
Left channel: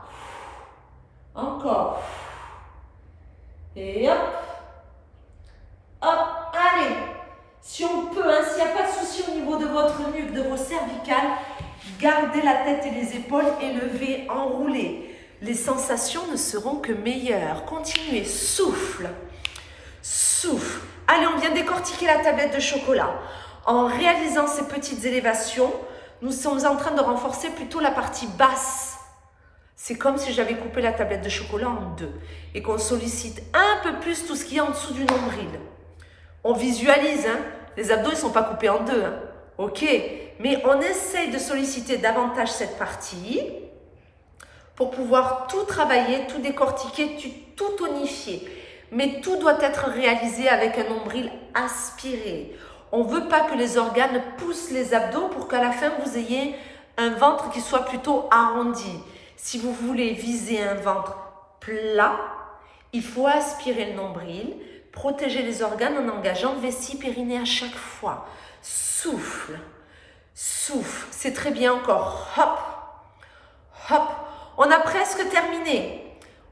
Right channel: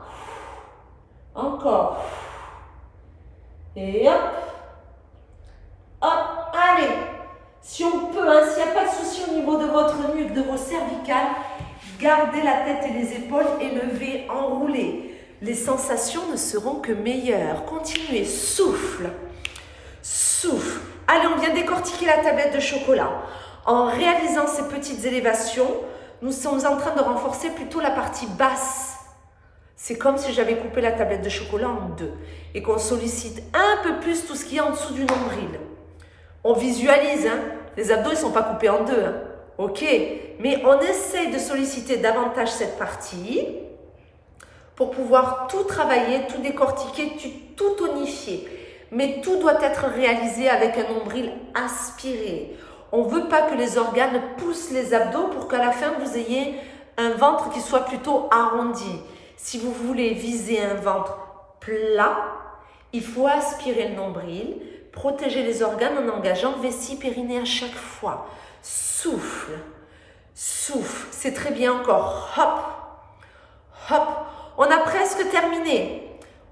Encore. Et hop. Hop. Allez. Si on peut, hein, s'il n'y a pas de souci au niveau de votre nuque, de vos cervicales, gardez la tête et les épaules élevées, enroulées. Les sensations ne seront que meilleures. Continuez, souffle, souffle. Allez, on vient décortiquer la tablette de chocolat. En réalisant ces petites élévations, nous sommes en train de renforcer plutôt la partie basse. C'est comme si j'avais coupé la tablette de chocolat en 2 et qu'on sollicite un peu plus tout ce qui est en dessous du nombril. On visualise, hein. Les abdos, ils ne sont pas coupés en 2. Hein. Ok, mais on essaye de solliciter davantage cette partie pour pouvoir tout travailler, tout décortiquer, tout tonifier. Mais tout doit être réalisé avec un nombril aspiré. On ne veut pas que les organes poussent les abdos pour qu'à la fin, vous ayez un ventre qui soit plutôt arrondi. Si vous voulez viser un ventre plat, il faut aspirer le nombril, protéger les organes en engageant vessie, périnée à chaque fois. Souffle, souffle, c'est très bien encore. Hop, hop, on a presque terminé.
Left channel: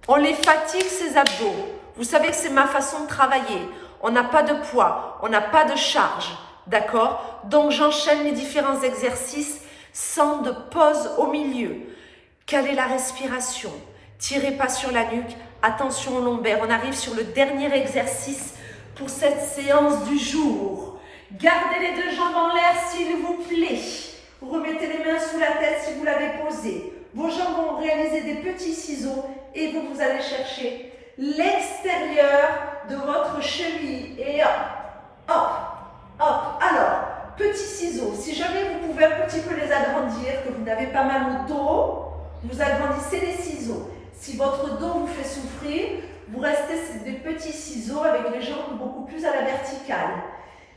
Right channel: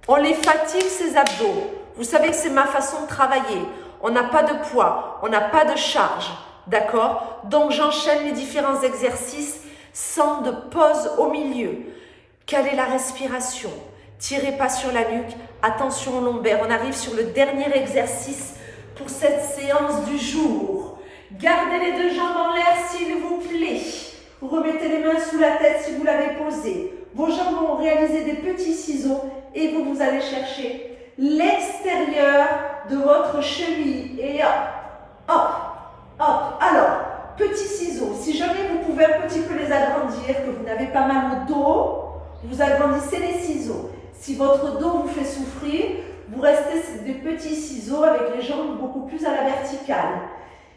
On les fatigue ces abdos. Vous savez que c'est ma façon de travailler. On n'a pas de poids, on n'a pas de charge, d'accord? Donc j'enchaîne les différents exercices sans de pause au milieu. Calez la respiration, tirez pas sur la nuque, attention au lombaire. On arrive sur le dernier exercice pour cette séance du jour. Gardez les 2 jambes en l'air s'il vous plaît. Vous remettez les mains sous la tête si vous l'avez posée. Vos jambes vont réaliser des petits ciseaux et vous allez chercher l'extérieur de votre cheville. Et hop, hop, hop. Alors, petits ciseaux. Si jamais vous pouvez un petit peu les agrandir, que vous n'avez pas mal au dos, vous agrandissez les ciseaux. Si votre dos vous fait souffrir, vous restez des petits ciseaux avec les jambes beaucoup plus à la verticale.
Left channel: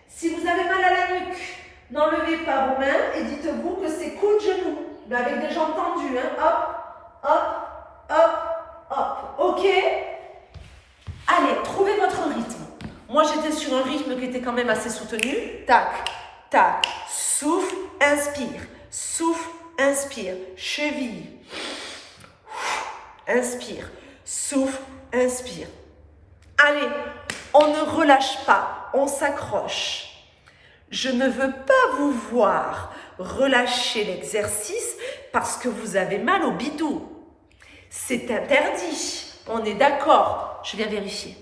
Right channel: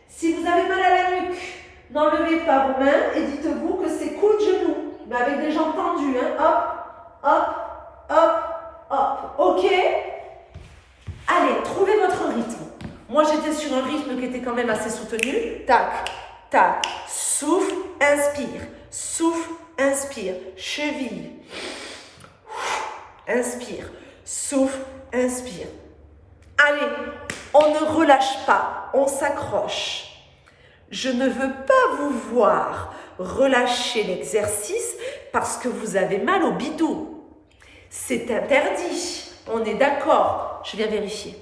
Si vous avez mal à la nuque, n'enlevez pas vos mains et dites-vous que c'est coude-genou, mais avec des jambes tendues. Hein. Hop, hop, hop, hop. Ok? Allez, trouvez votre rythme. Moi, j'étais sur un rythme qui était quand même assez soutenu. Tac, tac, souffle, inspire. souffle, inspire, cheville. Inspire, souffle, inspire. Allez, on ne relâche pas, on s'accroche. Je ne veux pas vous voir relâcher l'exercice parce que vous avez mal au bidou. C'est interdit, on est d'accord. Je viens vérifier.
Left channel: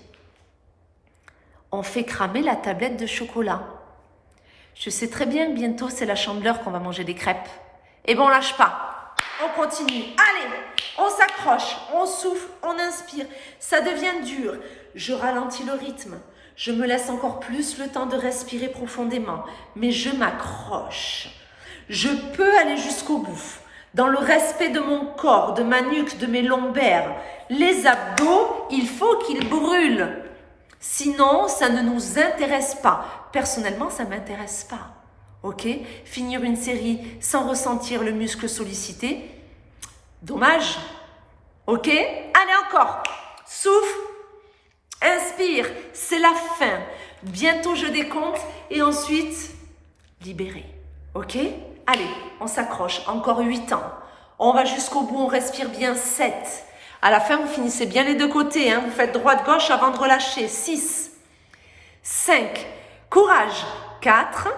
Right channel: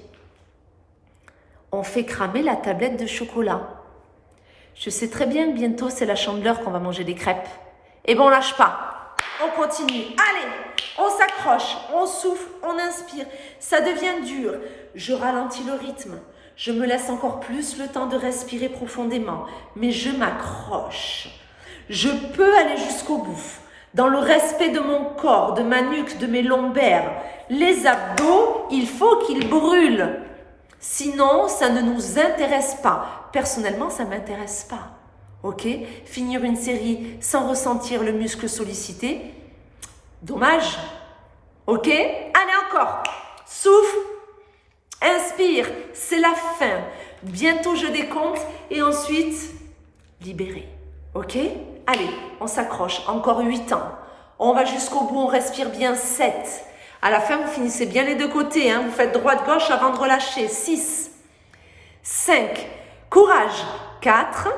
On fait cramer la tablette de chocolat. Je sais très bien que bientôt c'est la Chandeleur qu'on va manger des crêpes. Eh bien on lâche pas, on continue. Allez, on s'accroche, on souffle, on inspire. Ça devient dur, je ralentis le rythme. Je me laisse encore plus le temps de respirer profondément, mais je m'accroche. Je peux aller jusqu'au bout, dans le respect de mon corps, de ma nuque, de mes lombaires. Les abdos, il faut qu'ils brûlent. Sinon, ça ne nous intéresse pas. Personnellement, ça ne m'intéresse pas. Ok? Finir une série sans ressentir le muscle sollicité, dommage. Ok? Allez encore. Souffle. Inspire, c'est la fin. Bientôt je décompte et ensuite, libérer. Ok? Allez, on s'accroche. Encore 8 ans. On va jusqu'au bout, on respire bien. 7. À la fin, vous finissez bien les deux côtés. Vous faites droite-gauche avant de relâcher. 6. 5. Courage. 4.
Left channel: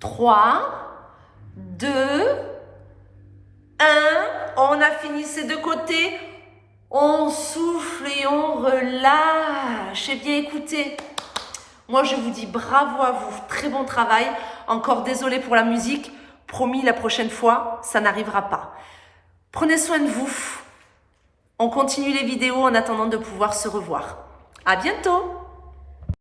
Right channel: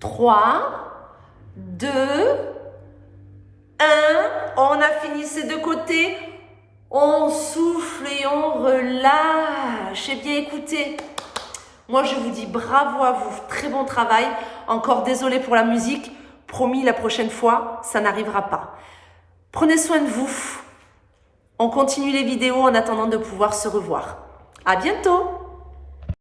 3. 2. 1. On a fini ces deux côtés. On souffle et on relâche. Eh bien, écoutez, moi, je vous dis bravo à vous. Très bon travail. Encore désolé pour la musique. Promis, la prochaine fois, ça n'arrivera pas. Prenez soin de vous. On continue les vidéos en attendant de pouvoir se revoir. À bientôt!